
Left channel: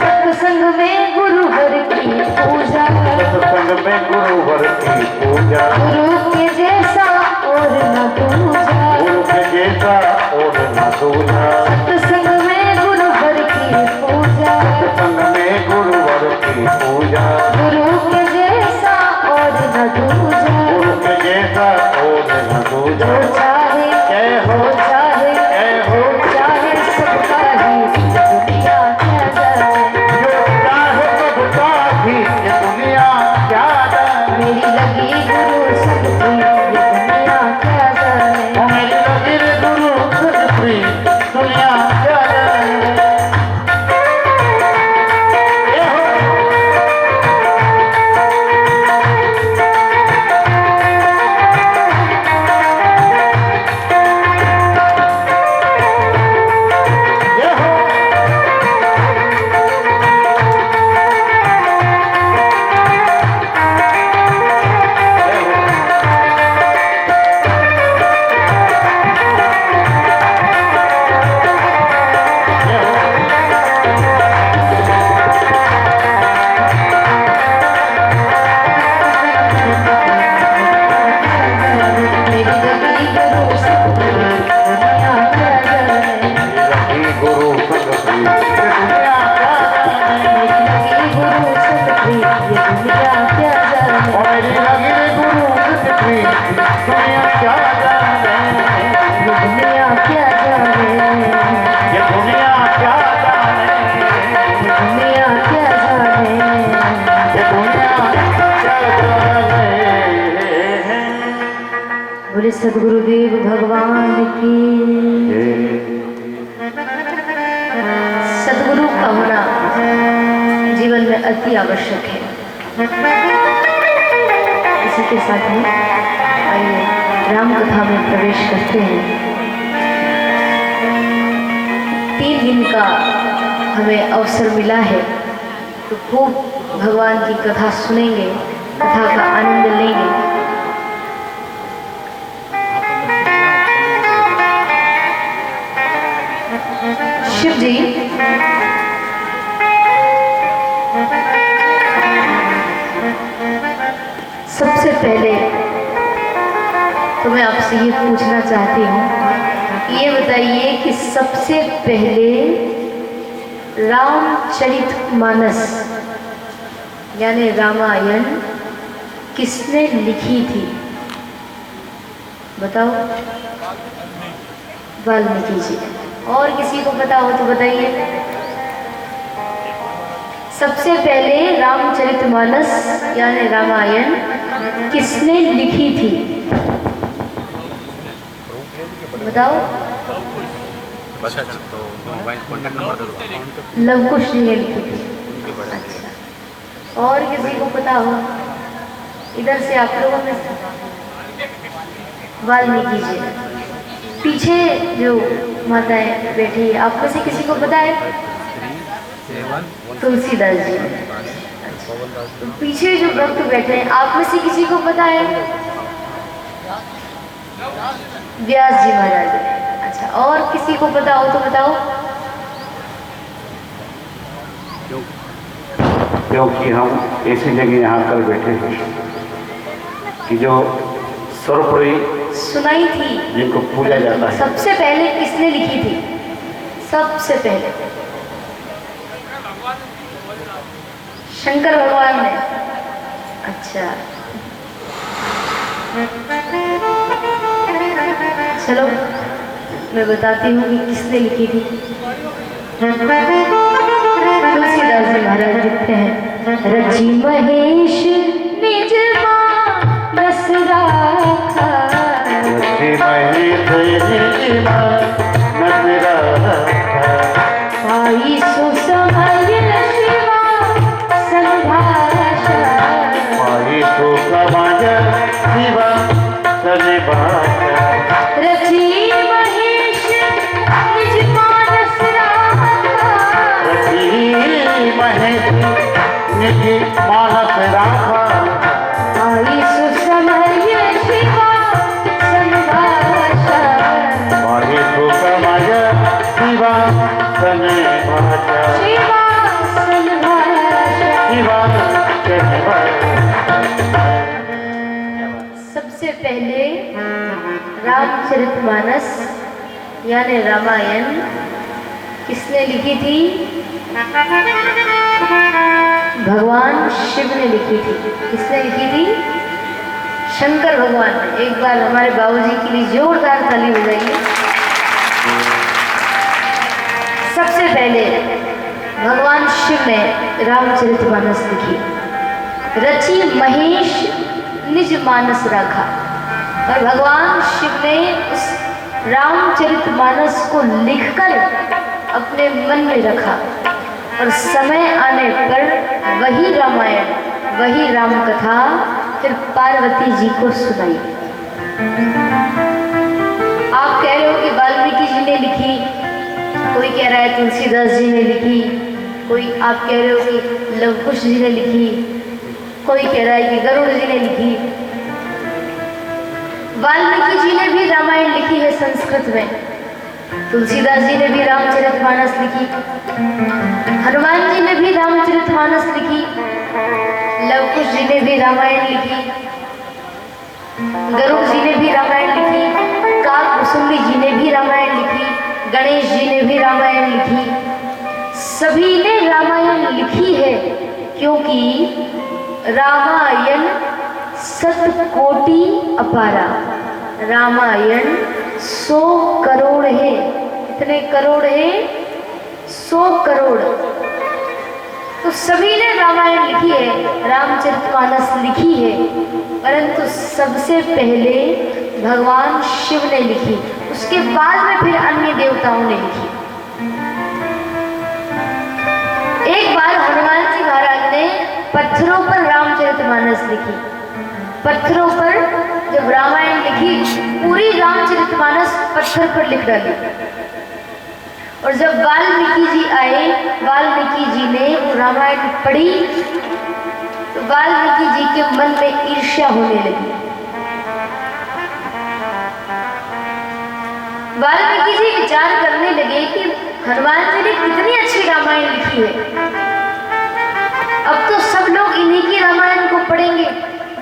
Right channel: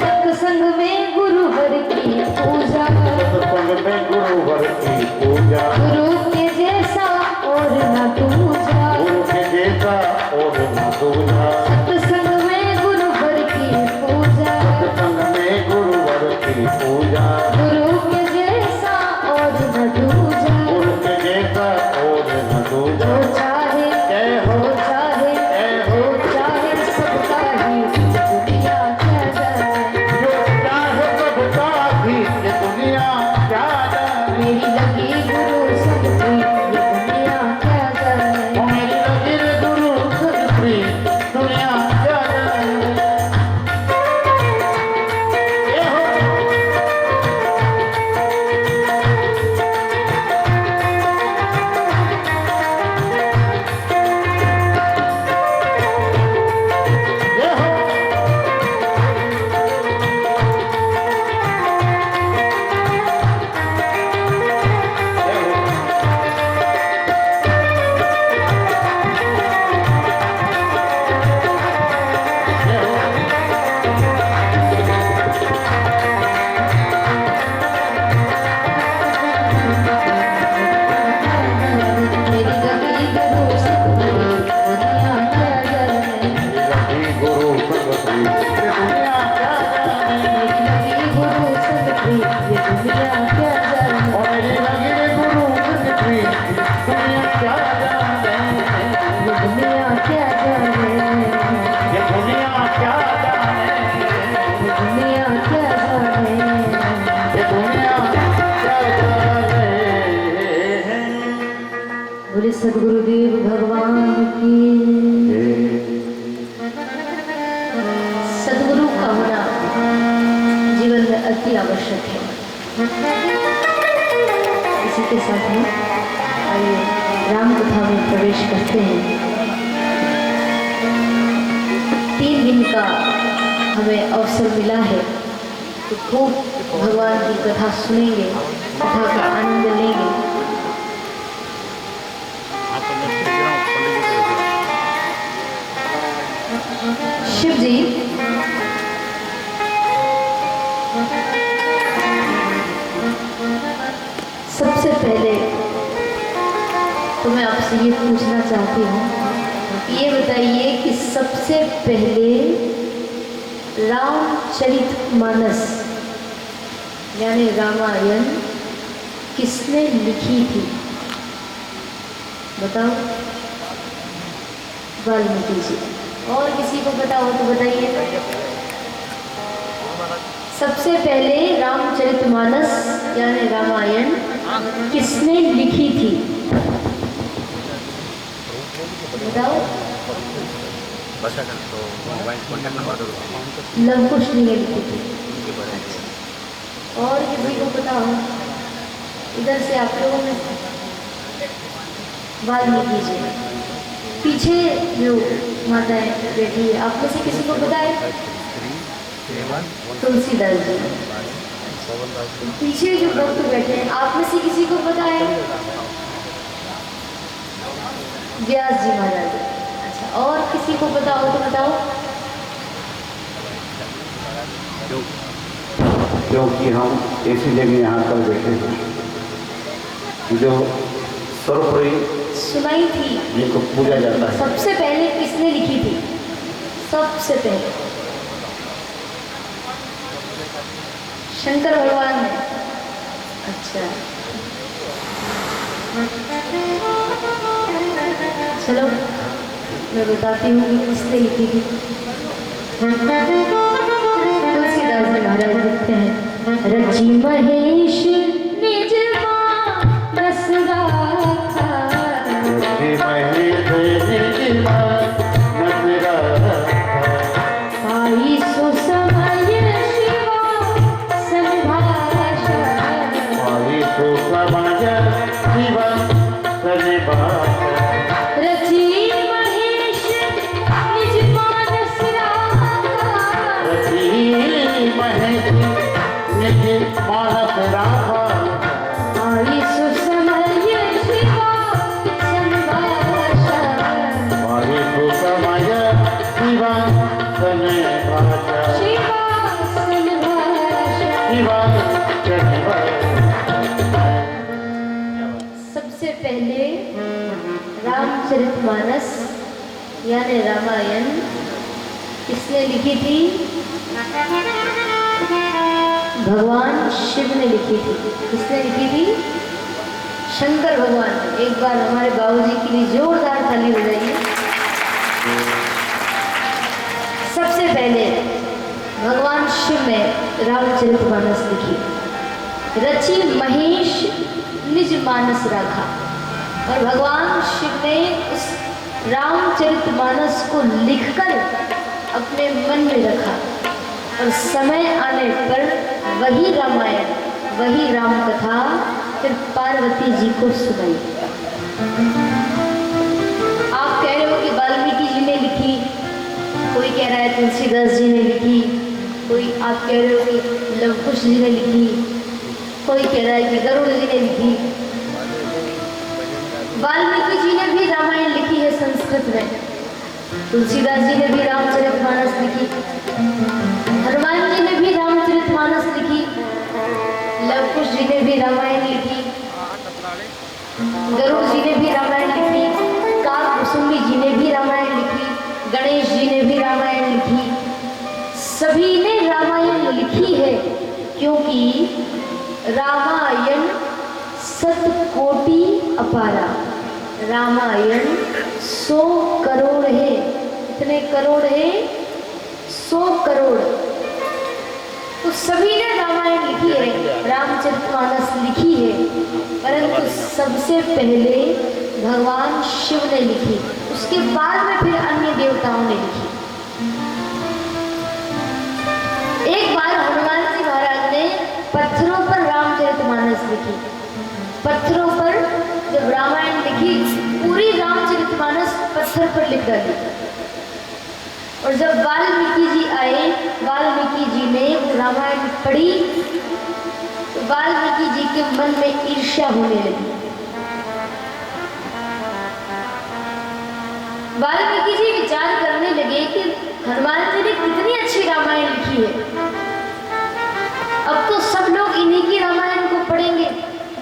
सत्संग में गुरुवर की पूजा, सत्संग में गुरुवर की पूजा, गुरु के जैसा और न दूजा, गुरु के जैसा और न दूजा। सत्संग में गुरुवर की पूजा, सत्संग में गुरुवर की पूजा, गुरु के जैसा और न दूजा, गुरु के जैसा और न दूजा। जो चाहे जय हो, वो चाहे जय हो, वो चाहे सबका ही दुनिया क्या जाने, जो चाहे सबका ही ये दुनिया क्या जाने। मेरी लगी गुरु संग प्रीत ये दुनिया क्या जाने। ओ मेरी लगी रे गुरु संग प्रीत दुनिया क्या जाने। जय हो, जय हो, जय हो। मेरी लगी गुरु संग प्रीत दुनिया क्या जाने, लगी गुरु संग प्रीत दुनिया क्या जाने। मेरी लगी गुरु संग प्रीत ये दुनिया क्या जाने। ओ मेरी लगी रे गुरु संग प्रीत दुनिया क्या जाने। ये दुनिया क्या जाने, ये दुनिया क्या जाने। ये दुनिया क्या जाने। ये दुनिया क्या जाने। बोले सदगुरुदेव भगवान की। सदगुरु का होना जीवन में अति आवश्यक है। इसी के साथ ही आइए राम कथा में प्रवेश करते हैं। 3 दिन का हमें अवसर मिला है तो खूब भगवान की कथा सुनेंगे, कथा का आनंद लेंगे। शिव जी सबसे पहले तो मैं आपसे ये पूछना चाहती हूँ, ये बताइए कि सबसे पहले रामचरितमानस यानी रामायण किसने लिखी थी? बताओ। वाल्मीकि जी। और किसी को पता हो तो बताइए। सबसे पहले रामचरितमानस यानी रामायण किसने लिखी थी? बताओ। तो मोबाइल कॉन्टैक्ट नंबर दे दो। लवकुश जी ने लिखी थी। अच्छा। और किसी को पता हो? इधर से आप लोगों में से वाल्मीकि जी। पीछे जो माताएं बैठी है आप में से किसी को पता है? तुलसीदास जी। तो पीछे जो भक्त बैठे हैं आप में से किसी को पता है? व्यास जी महाराज। अच्छा, और किसी को पता हो तो बताओ। क्योंकि हम ऐसी जगह यहाँ पर बैठे हैं कि जो सर्वोपरि सुनाई थी जिनको पूजा जाता है। सबसे पहले किसने लिखी थी? सबसे पहले शंकर भगवान ने। अच्छा, चलो मैं बताती हूँ कि किसने लिखी थी। तुलसीदास जी महाराज लिखते हैं, रची महेश निज मानस राखा, रची महेश निज मानस राखा, पाई सुसमय शिवा संभाषा, पाई सुसमय शिवा संभाषा, रची महेश निज मानस राखा, रची महेश निज मानस राखा, पाई सुसमय शिवा संभाषा, पाई सुसमय शिवा संभाषा, शिवा संभाषा। शिवा संभाषा। सबसे पहले रामचरितमानस यानी रामायण किसने लिखी थी? भगवान शिव ने लिखी थी। किसने लिखी थी? शंकर भगवान ने। एक बार हमारे बाबूजी के लिए जोरदार ताली बजाइए। सबसे पहले भगवान शिव ने रामचरितमानस लिखी। रची महेश निज मानस राखा, और भगवान शिव ने उस रामचरितमानस को लिखकर अपने मन में रखा, और समय आने पर वही रामायण, वही राम कथा फिर पार्वती जी को सुनाई। आप कह रहे हो कि वाल्मीकि जी ने लिखी, कोई कह रहा है तुलसीदास जी ने लिखी, कोई आप कह रहे हो कि लवकुश जी ने लिखी, कोई कह रहा है कि गरुड़ जी ने लिखी। वाल्मीकि जी ने भी रामायण लिखी है संस्कृत में, तुलसीदास जी ने भी रामचरितमानस लिखी, हनुमान जी ने भी रामचरितमानस लिखी, लवकुश जी ने भी रामायण लिखी, गरुड़ जी ने भी रामायण लिखी, काकभुसुंडी जी ने भी रामायण लिखी, गणेश जी ने भी रामायण लिखी। सभी ने रामायण लिखी है, क्योंकि रामायण सतकोटि अपारा। रामायण 100 करोड़ है। कितने करोड़ है? 100 करोड़। तो सभी ने रामायण लिखी है, रामचरितमानस लिखी है, परंतु सबसे पहले भगवान शिव ने लिखी, उसके बाद में फिर अन्य देवताओं ने लिखी। एक बार हनुमान जी महाराज ने पत्थरों पर रामचरितमानस लिखी। पत्थरों पर जब रामायण लिखी, पूरी रामचरितमानस पत्थर पर लिख डाली। और जब वाल्मीकि जी आए, वाल्मीकि जी ने वो रामायण पढ़ी, तो वाल्मीकि जी के मन में ईर्ष्या होने लगी। वाल्मीकि जी विचार करने लगे कि हनुमान जी ने कितनी अच्छी रामायण लिखी है, अब तो सब लोग इन्हीं की रामायण को पढ़ेंगे,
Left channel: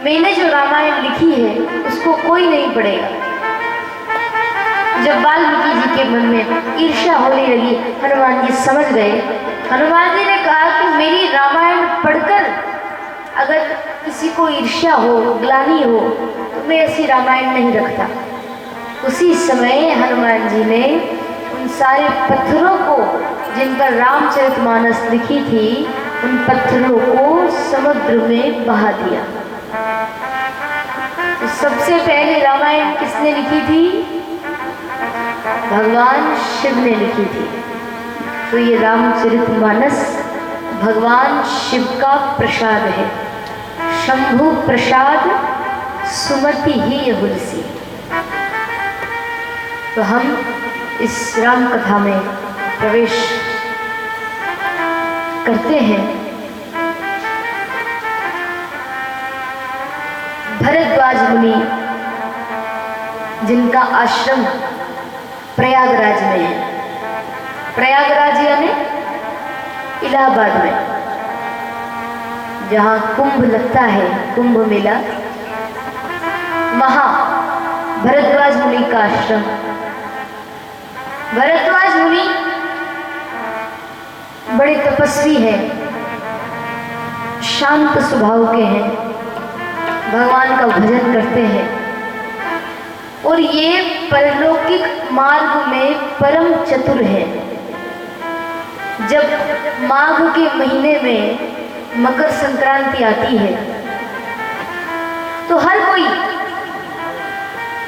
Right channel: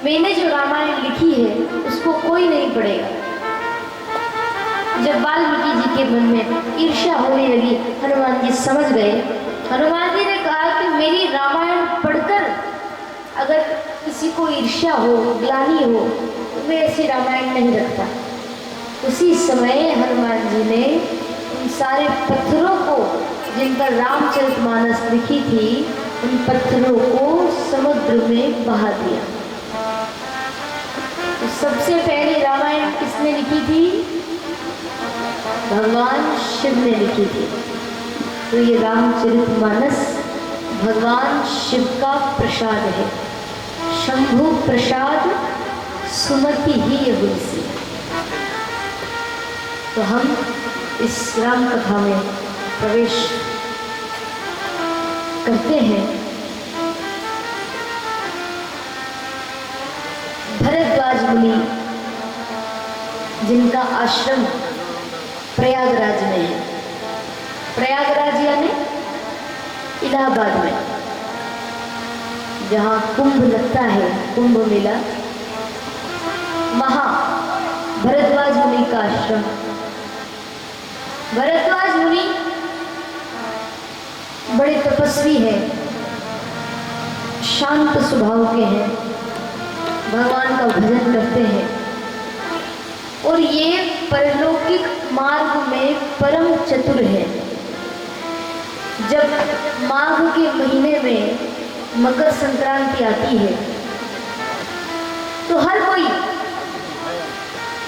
मैंने जो रामायण लिखी है उसको कोई नहीं पढ़ेगा। जब वाल्मीकि जी के मन में ईर्ष्या होने लगी, हनुमान जी समझ गए। हनुमान जी ने कहा कि मेरी रामायण पढ़कर अगर किसी को ईर्ष्या हो, ग्लानि हो, तो मैं ऐसी रामायण नहीं रखता। उसी समय हनुमान जी ने उन सारे पत्थरों को, जिन पर रामचरितमानस लिखी थी, उन पत्थरों को समुद्र में बहा दिया। तो सबसे पहले रामायण किसने लिखी थी? भगवान शिव ने लिखी थी। तो ये रामचरितमानस भगवान शिव का प्रसाद है। शंभु प्रसाद सुमति ही हुलसी। तो हम इस राम कथा में प्रवेश करते हैं। भरद्वाज मुनि, जिनका आश्रम प्रयागराज में है। प्रयागराज यानी इलाहाबाद में, जहाँ कुंभ लगता है, कुंभ मेला, वहाँ भरद्वाज मुनि का आश्रम। भरद्वाज मुनि बड़े तपस्वी हैं, शांत स्वभाव के हैं, भगवान का भजन करते हैं और ये परलौकिक मार्ग में परम चतुर है। जब माघ के महीने में मकर संक्रांति आती है तो हर कोई,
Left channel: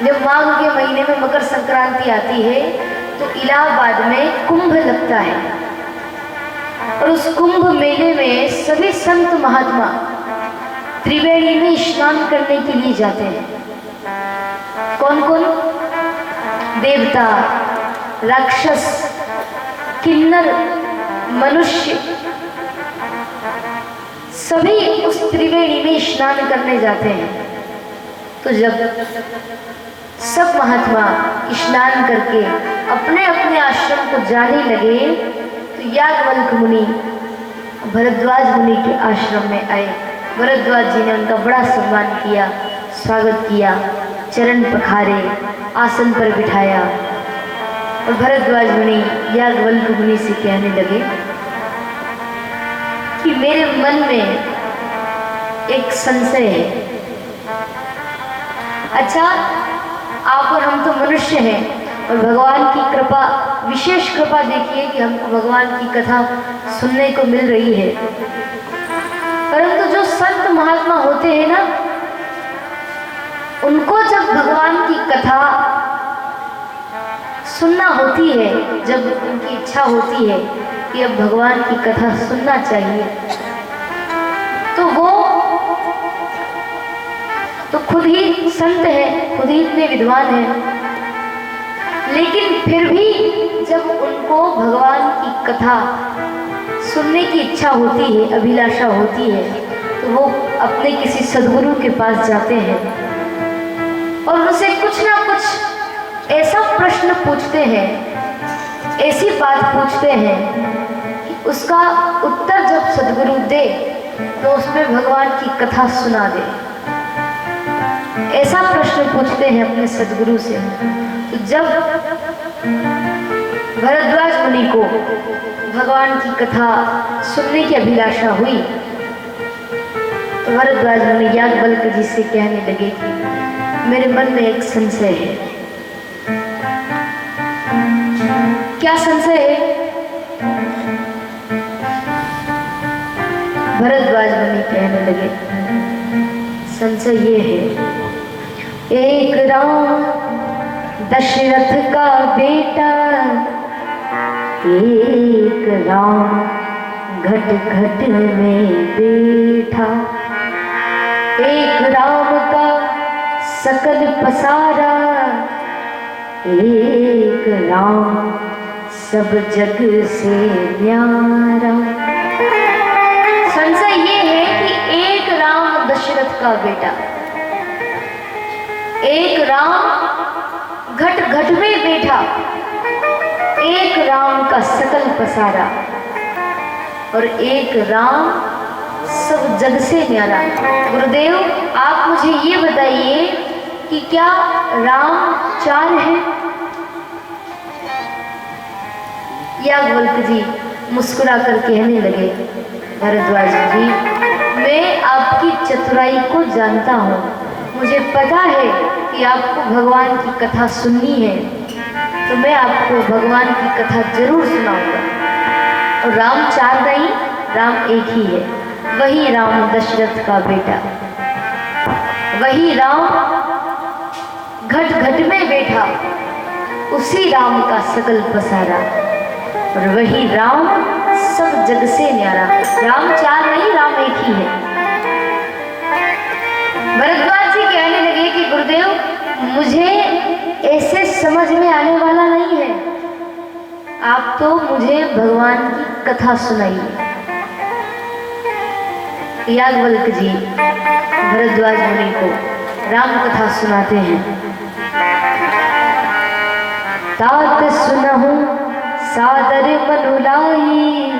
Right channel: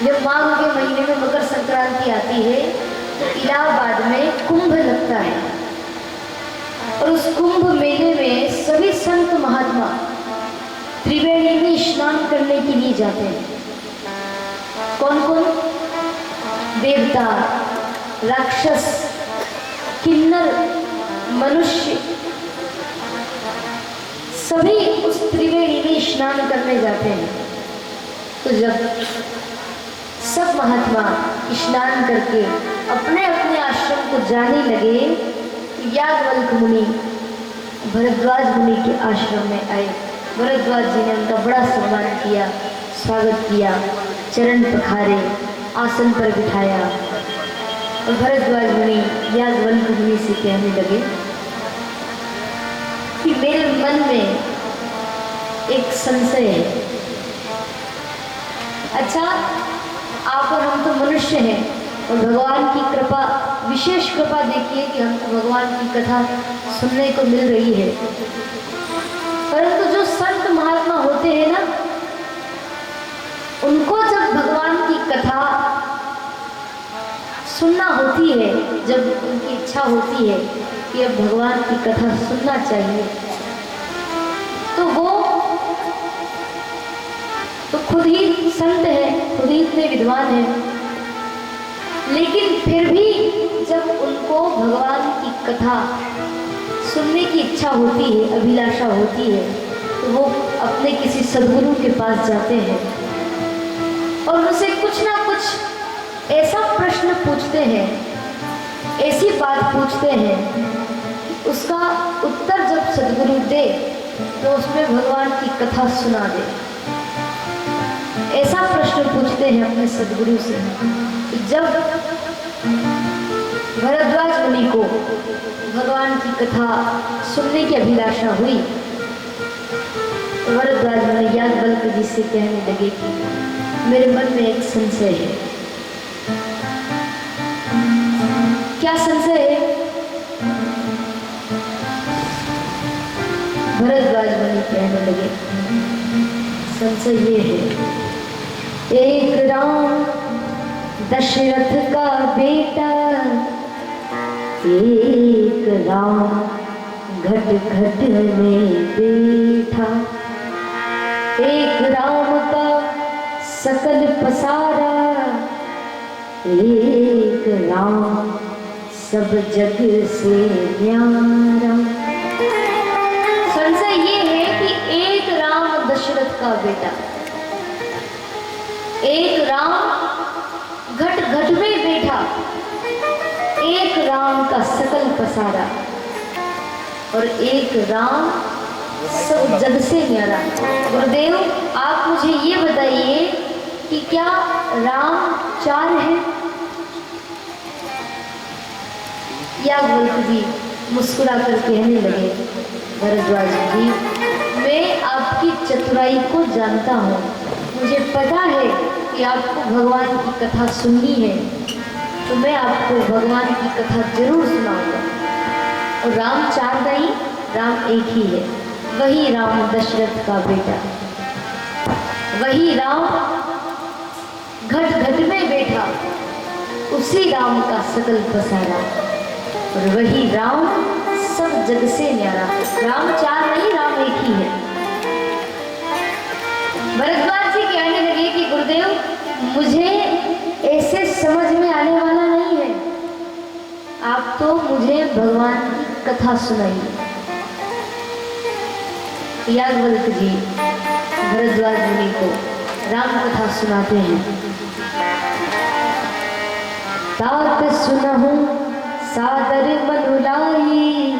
जब माघ के महीने में मकर संक्रांति आती है तो इलाहाबाद में कुंभ लगता है और उस कुंभ मेले में सभी संत महात्मा त्रिवेणी में स्नान करने के लिए जाते हैं। कौन कौन? देवता, राक्षस, किन्नर, मनुष्य, सभी उस त्रिवेणी में स्नान करने जाते हैं। तो जब सब महात्मा स्नान करके अपने अपने आश्रम को जाने लगे तो याज्ञवल्क्य मुनि भरद्वाज मुनि के आश्रम में आए। भरद्वाज जी ने उनका बड़ा सम्मान किया, स्वागत किया, चरण पखारे, आसन पर बिठाया और भरद्वाज मुनि याज्ञवल्क्य मुनि से कहने लगे कि मेरे मन में एक संशय है। अच्छा, आप और हम तो मनुष्य हैं और भगवान की कृपा, विशेष कृपा देखिए कि हमको भगवान की कथा सुनने को मिल रही है, परंतु जो संत महात्मा होते हैं ना, उनको जब भगवान की कथा सुनना होती है, जब उनकी इच्छा होती है कि अब भगवान की कथा सुनना चाहिए, तो वो तो खुद ही संत है, खुद ही इतने विद्वान हैं, लेकिन फिर भी जब उनको भगवान की कथा सुनने की इच्छा होती है, अभिलाषा होती है, तो वो अपने किसी सद्गुरु के पास जाते हैं और उनसे कुछ ना कुछ ऐसा प्रश्न पूछते हैं, ऐसी बात पूछते हैं कि उसका उत्तर जब सद्गुरु दे तो उसमें भगवान की कथा सुना दे। ऐसा प्रश्न पूछते हैं अपने सद्गुरु से। जब भरद्वाज मुनि को भगवान की कथा सुनने की अभिलाषा हुई तो भरद्वाज मुनि याज्ञवल्क्य जी से कहने लगे कि मेरे मन में एक संशय है। क्या संशय है? भरद्वाज मुनि कहने लगे, संशय ये है, एक राम दशरथ का बेटा, एक राम घट घट में बैठा, एक राम का सकल पसारा, एक राम सब जग से न्यारा। संशय ये है कि एक राम दशरथ का बेटा, एक राम घट घट में बैठा, एक राम का सकल पसारा और एक राम सब जग से न्यारा। गुरुदेव, आप मुझे ये बताइए कि क्या राम चार है? याज्ञवल्क्य जी मुस्कुरा कर कहने लगे, भरद्वाज जी, मैं आपकी चतुराई को जानता हूँ, मुझे पता है कि आपको भगवान की कथा सुननी है, तो मैं आपको भगवान की कथा जरूर सुनाऊंगा। और राम चार नहीं, राम एक ही है, वही राम दशरथ का बेटा, वही राम घट घट में बैठा, उसी राम का सकल पसारा और वही राम सब जग से न्यारा। राम चार नहीं, राम एक ही है। भरद्वाज जी कहने लगे कि गुरुदेव, मुझे ऐसे समझ में आने वाला नहीं है, आप तो मुझे भगवान की कथा सुनाइए। याज्ञवल्क्य जी भरद्वाज मुनि को राम कथा सुनाते हैं। तात सुनहु सादर मनुलाई,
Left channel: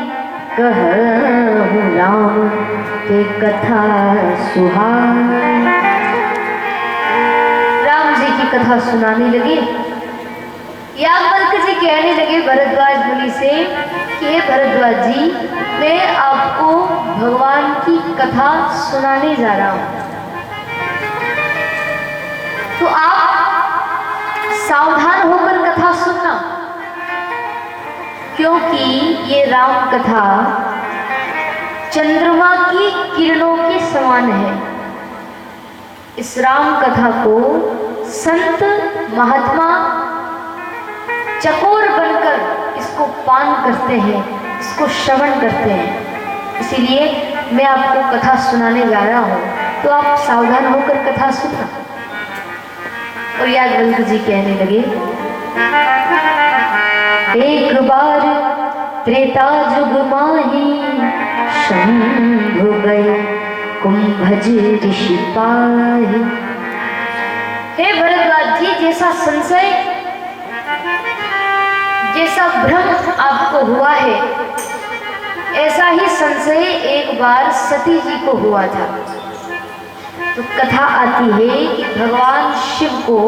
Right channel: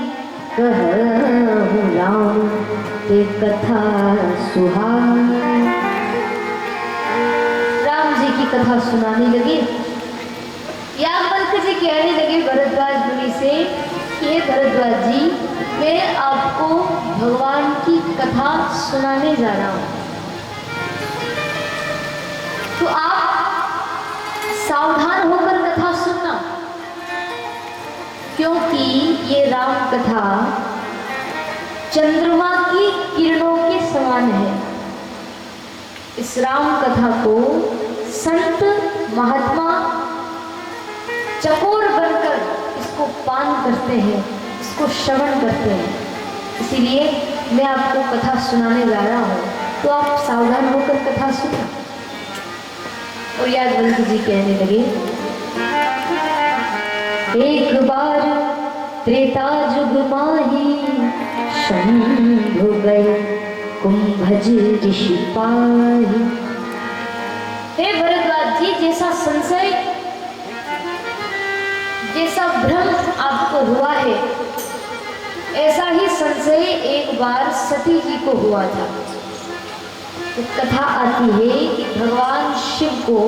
कहूँ राम के कथा सुहाई। राम जी की कथा सुनाने लगे। याज्ञवल्क्य जी कहने लगे भरद्वाज मुनि से कि हे भरद्वाज जी, मैं आपको भगवान की कथा सुनाने जा रहा हूँ, तो आप सावधान होकर कथा सुनना, क्योंकि ये राम कथा चंद्रमा की किरणों के समान है। इस राम कथा को संत महात्मा चकोर बनकर इसको पान करते हैं, इसको श्रवण करते हैं। इसीलिए मैं आपको कथा सुनाने जा रहा हूँ, तो आप सावधान होकर कथा सुनना। और याज्ञवल्क्य जी कहने लगे, एक बार त्रेता युग माही, शंभु गए कुंभज ऋषि पाहि। हे भरद्वाज जी, जैसा संशय, जैसा भ्रम आपको हुआ है, ऐसा ही संशय एक बार सती जी को हुआ था। तो कथा आती है कि भगवान शिव को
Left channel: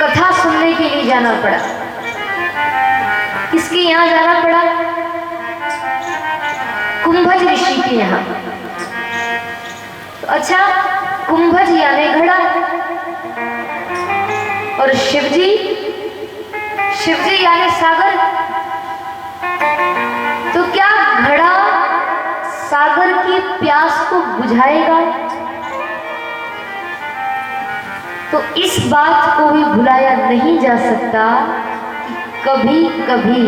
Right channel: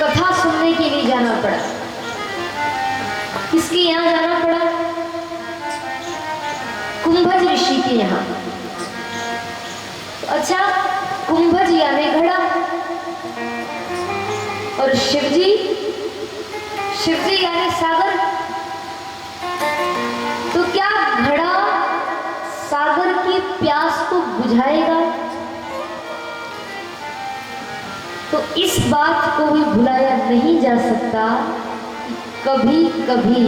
कथा सुनने के लिए जाना पड़ा। किसके यहाँ जाना पड़ा? कुंभज ऋषि के यहाँ। तो अच्छा, कुंभज यानी घड़ा, और शिवजी यानी सागर। तो क्या घड़ा सागर की प्यास को बुझाएगा? तो इस बात को भी भुलाया नहीं जा सकता कि कभी कभी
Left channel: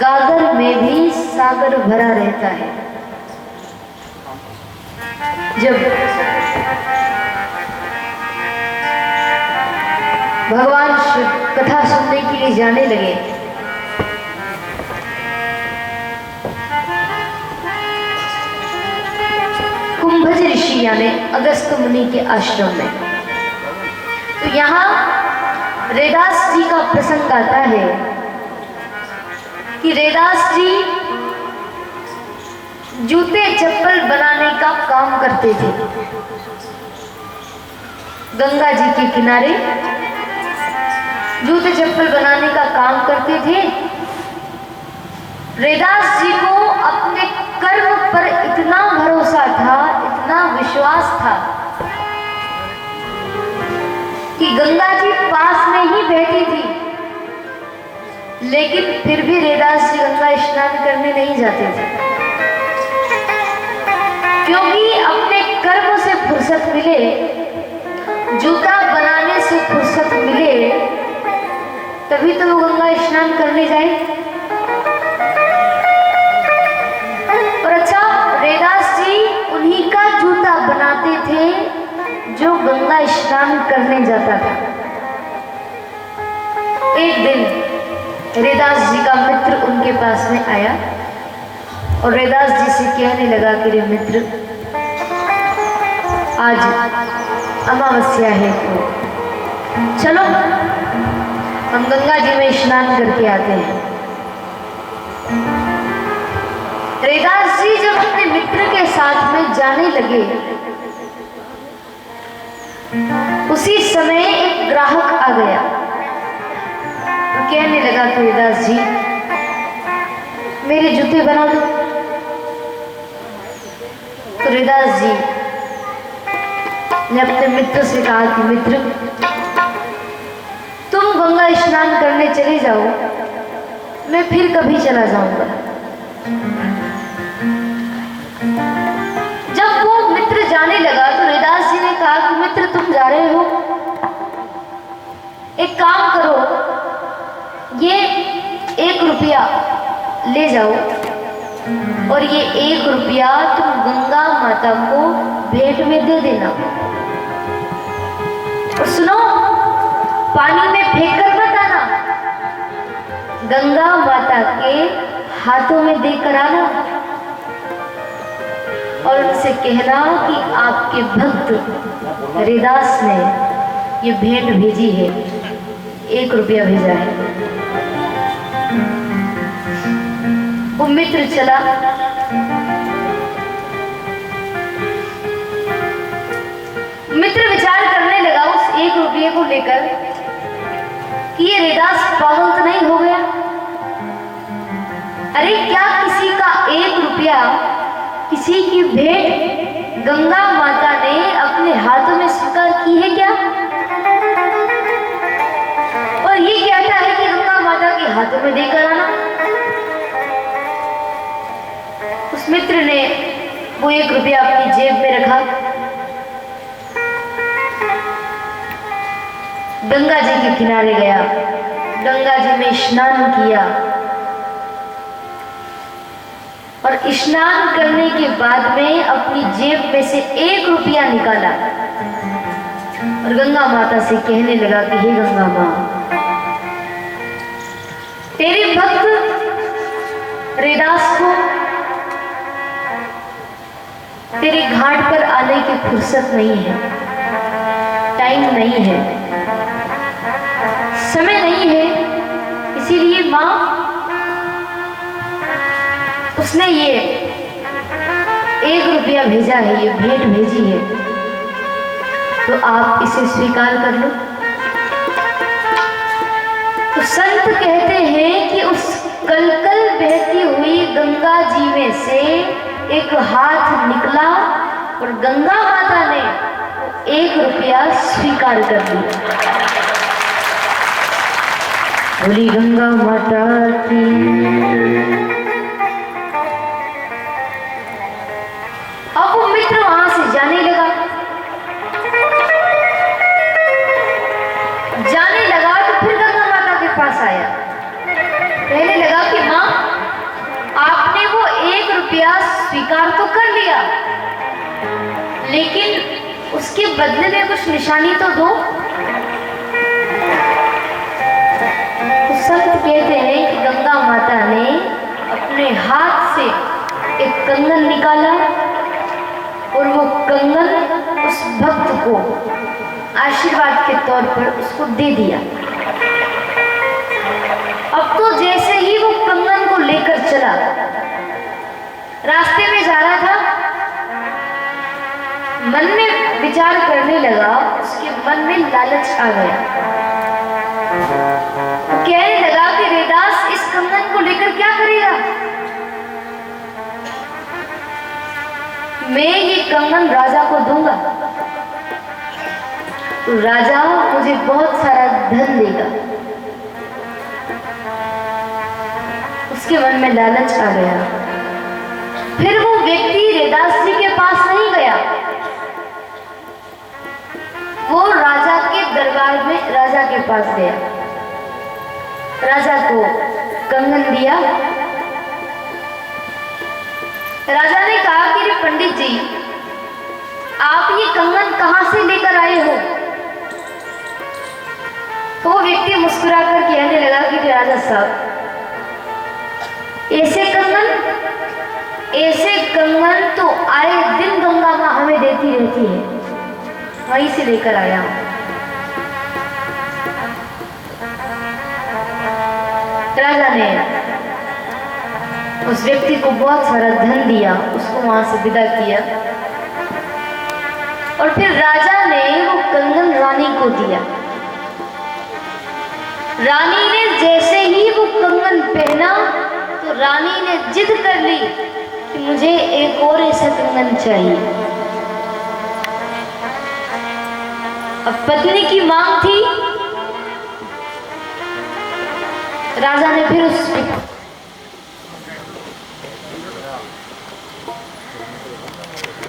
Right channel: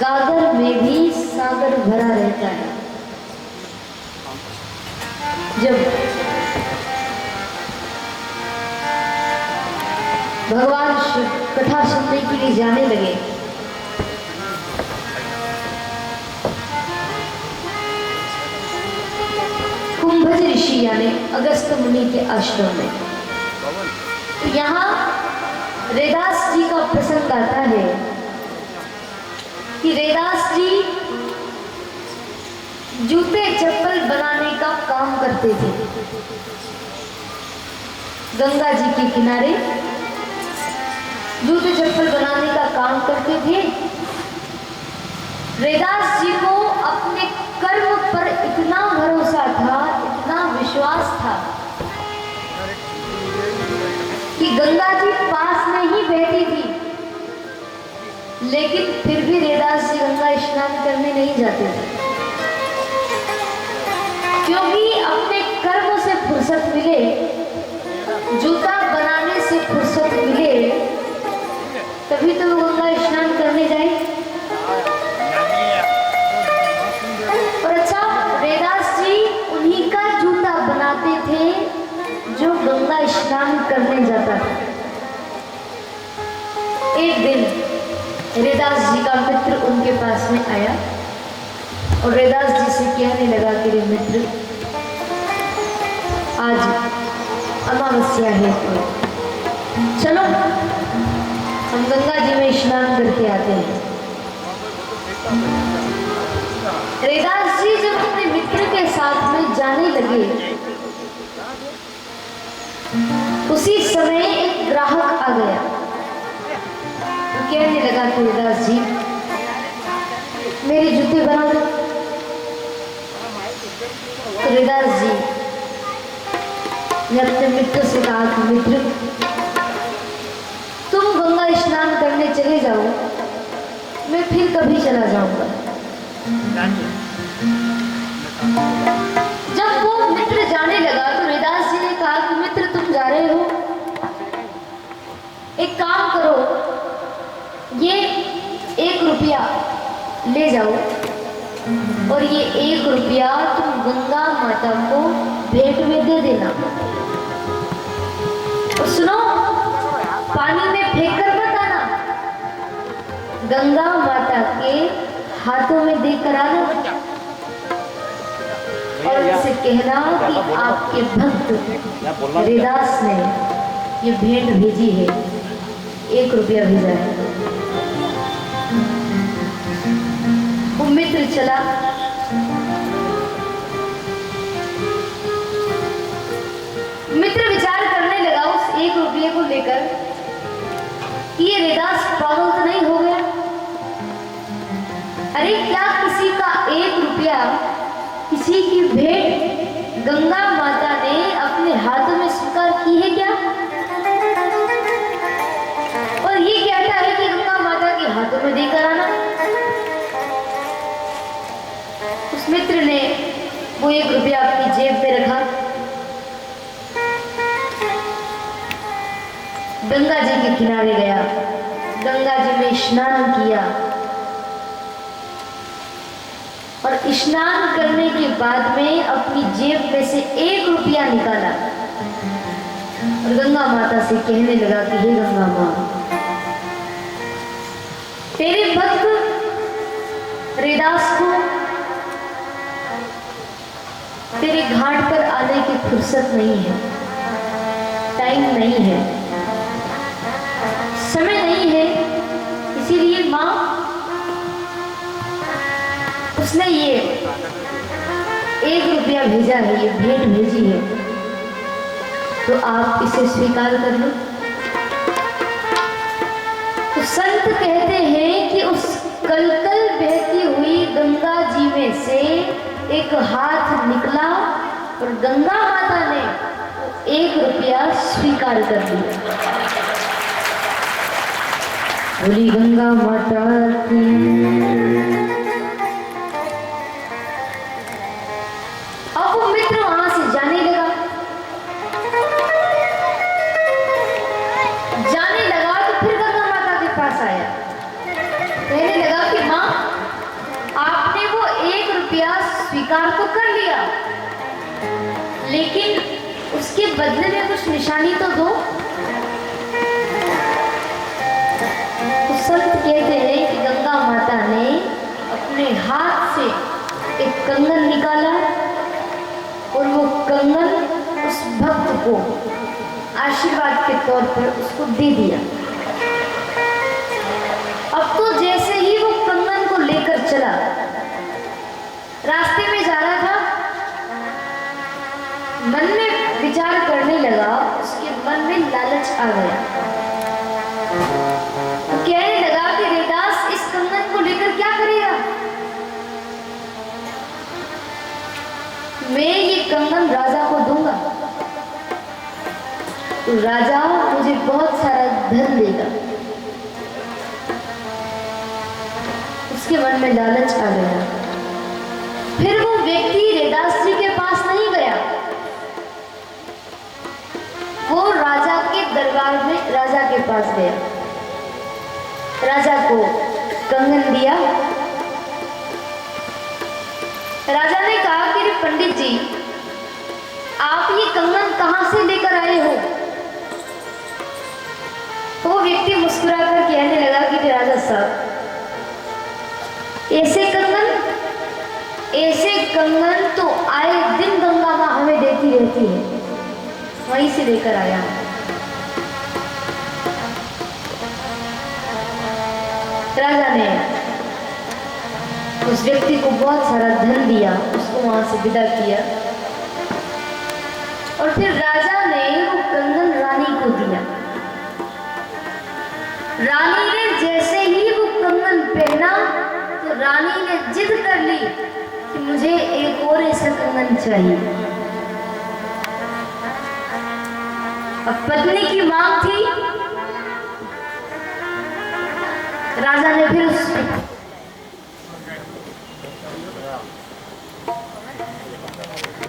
गागर में भी सागर भरा रहता है। जब भगवान शिव कथा सुनने के लिए जाने लगे, कुंभज ऋषि यानी अगस्त मुनि के आश्रम में। तो यहाँ रेदास जी का प्रसंग आता है कि रेदास जी जूते चप्पल बनाने का काम करते थे। गंगा जी के किनारे जूते चप्पल बनाने का काम करते थे। रेदास जी को अपने कर्म पर इतना भरोसा था, इतना विश्वास था कि गंगा जी पास में ही बैठी थी, लेकिन फिर भी रेदास जी गंगा स्नान करने नहीं जाते थे, क्योंकि अपने कर्म से फुर्सत मिले, जूता बनाने से फुर्सत मिले, तभी तो वो गंगा स्नान करने जाए। और अच्छा, रेदास जी उन्हीं का जूता बनाते थे जो गंगा स्नान करने जाता था। एक दिन रेदास जी का मित्र उनके पास में आया और रेदास जी से कहने लगा कि रे मित्र, आज अमावस्या है, तो चलो हम गंगा जी में स्नान करके आते हैं। रेदास जी जब अपने मित्र के साथ में जाने लगे, उसी समय एक ग्राहक आ गया। तो कहने लगा कि रेदास जी, मेरे जूते बना दो। तो रेदास जी ने अपने मित्र से कहा कि मित्र, तुम गंगा स्नान करने चले जाओ, मैं फिर कभी चला जाऊंगा। जब वो मित्र जाने लगा तो रेदास जी ने कहा कि मित्र, तुम जा रहे हो, एक काम करो, ये 1 रुपया ले जाओ और ये 1 रुपया तुम गंगा माता को भेंट में दे देना। और सुनो, पानी में फेंक कर मत आना, गंगा माता के हाथों में देकर आना। और उनसे कहना कि आपके भक्त हरिदास ने ये भेंट भेजी है, 1 रुपया भेजा है। वो मित्र चला, मित्र विचार करने लगा उस 1 रुपये को लेकर कि ये हरिदास पागल तो नहीं हो गया। अरे क्या किसी का 1 रुपया, किसी की भेंट गंगा माता ने अपने हाथों में स्वीकार की है क्या? और ये कहता है कि गंगा माता के हाथों में देकर आना। उस मित्र ने वो 1 रुपया अपनी जेब में रखा, गंगा जी के किनारे गया, गंगा जी में स्नान किया और स्नान करने के बाद में अपनी जेब में से 1 रुपया निकाला और गंगा माता से कहने लगा कि हे गंगा माँ, तेरे भक्त हरिदास को तेरे घाट पर आने की फुर्सत नहीं है, टाइम नहीं है, समय नहीं है, इसीलिए माँ उसने ये 1 रुपया भेजा है, ये भेंट भेजी है, तो आप इसे स्वीकार कर लो। तो संत कहते हैं कि उस कलकल बहती हुई गंगा जी में से एक हाथ निकला और गंगा माता ने 1 रुपया स्वीकार कर लिया। बोली गंगा माता की। अब वो मित्र वहां से जाने लगा, तो फिर गंगा माता के पास आया, कहने लगा कि माँ, आपने वो 1 रुपया स्वीकार तो कर लिया, लेकिन उसके बदले में कुछ निशानी तो दो। संत कहते हैं कि गंगा माता ने अपने हाथ से एक कंगन निकाला और वो कंगन उस भक्त को आशीर्वाद के तौर पर उसको दे दिया। अब तो जैसे ही वो कंगन को लेकर चला, रास्ते में जा रहा था, मन में विचार करने लगा, उसके मन में लालच आ गया। कहने लगा कि हरिदास इस कंगन को लेकर क्या करेगा? मैं ये कंगन राजा को दूंगा तो राजा मुझे बहुत सारा धन देगा। उसके मन में लालच आ गया। फिर वो व्यक्ति हरिदास जी के पास नहीं गया, वो राजा के दरबार में राजा के पास गया, राजा को कंगन दिया। राजा ने कहा कि पंडित जी, आप ये कंगन कहां से लेकर आए हो? तो वो व्यक्ति मुस्कुराकर कहने लगा कि राजा साहब, ऐसे कंगन तो आए दिन गंगा माँ हमें देती रहती है, वहीं से लेकर आया हूं। राजा ने उस व्यक्ति को बहुत सारा धन दिया, उसको वहां से विदा किया और फिर राजा ने वो कंगन रानी को दिया। रानी ने जैसे ही वो कंगन पहना तो रानी ने जिद कर ली कि मुझे एक और ऐसा कंगन चाहिए। अब पत्नी की मांग थी, राजा ने फिर उस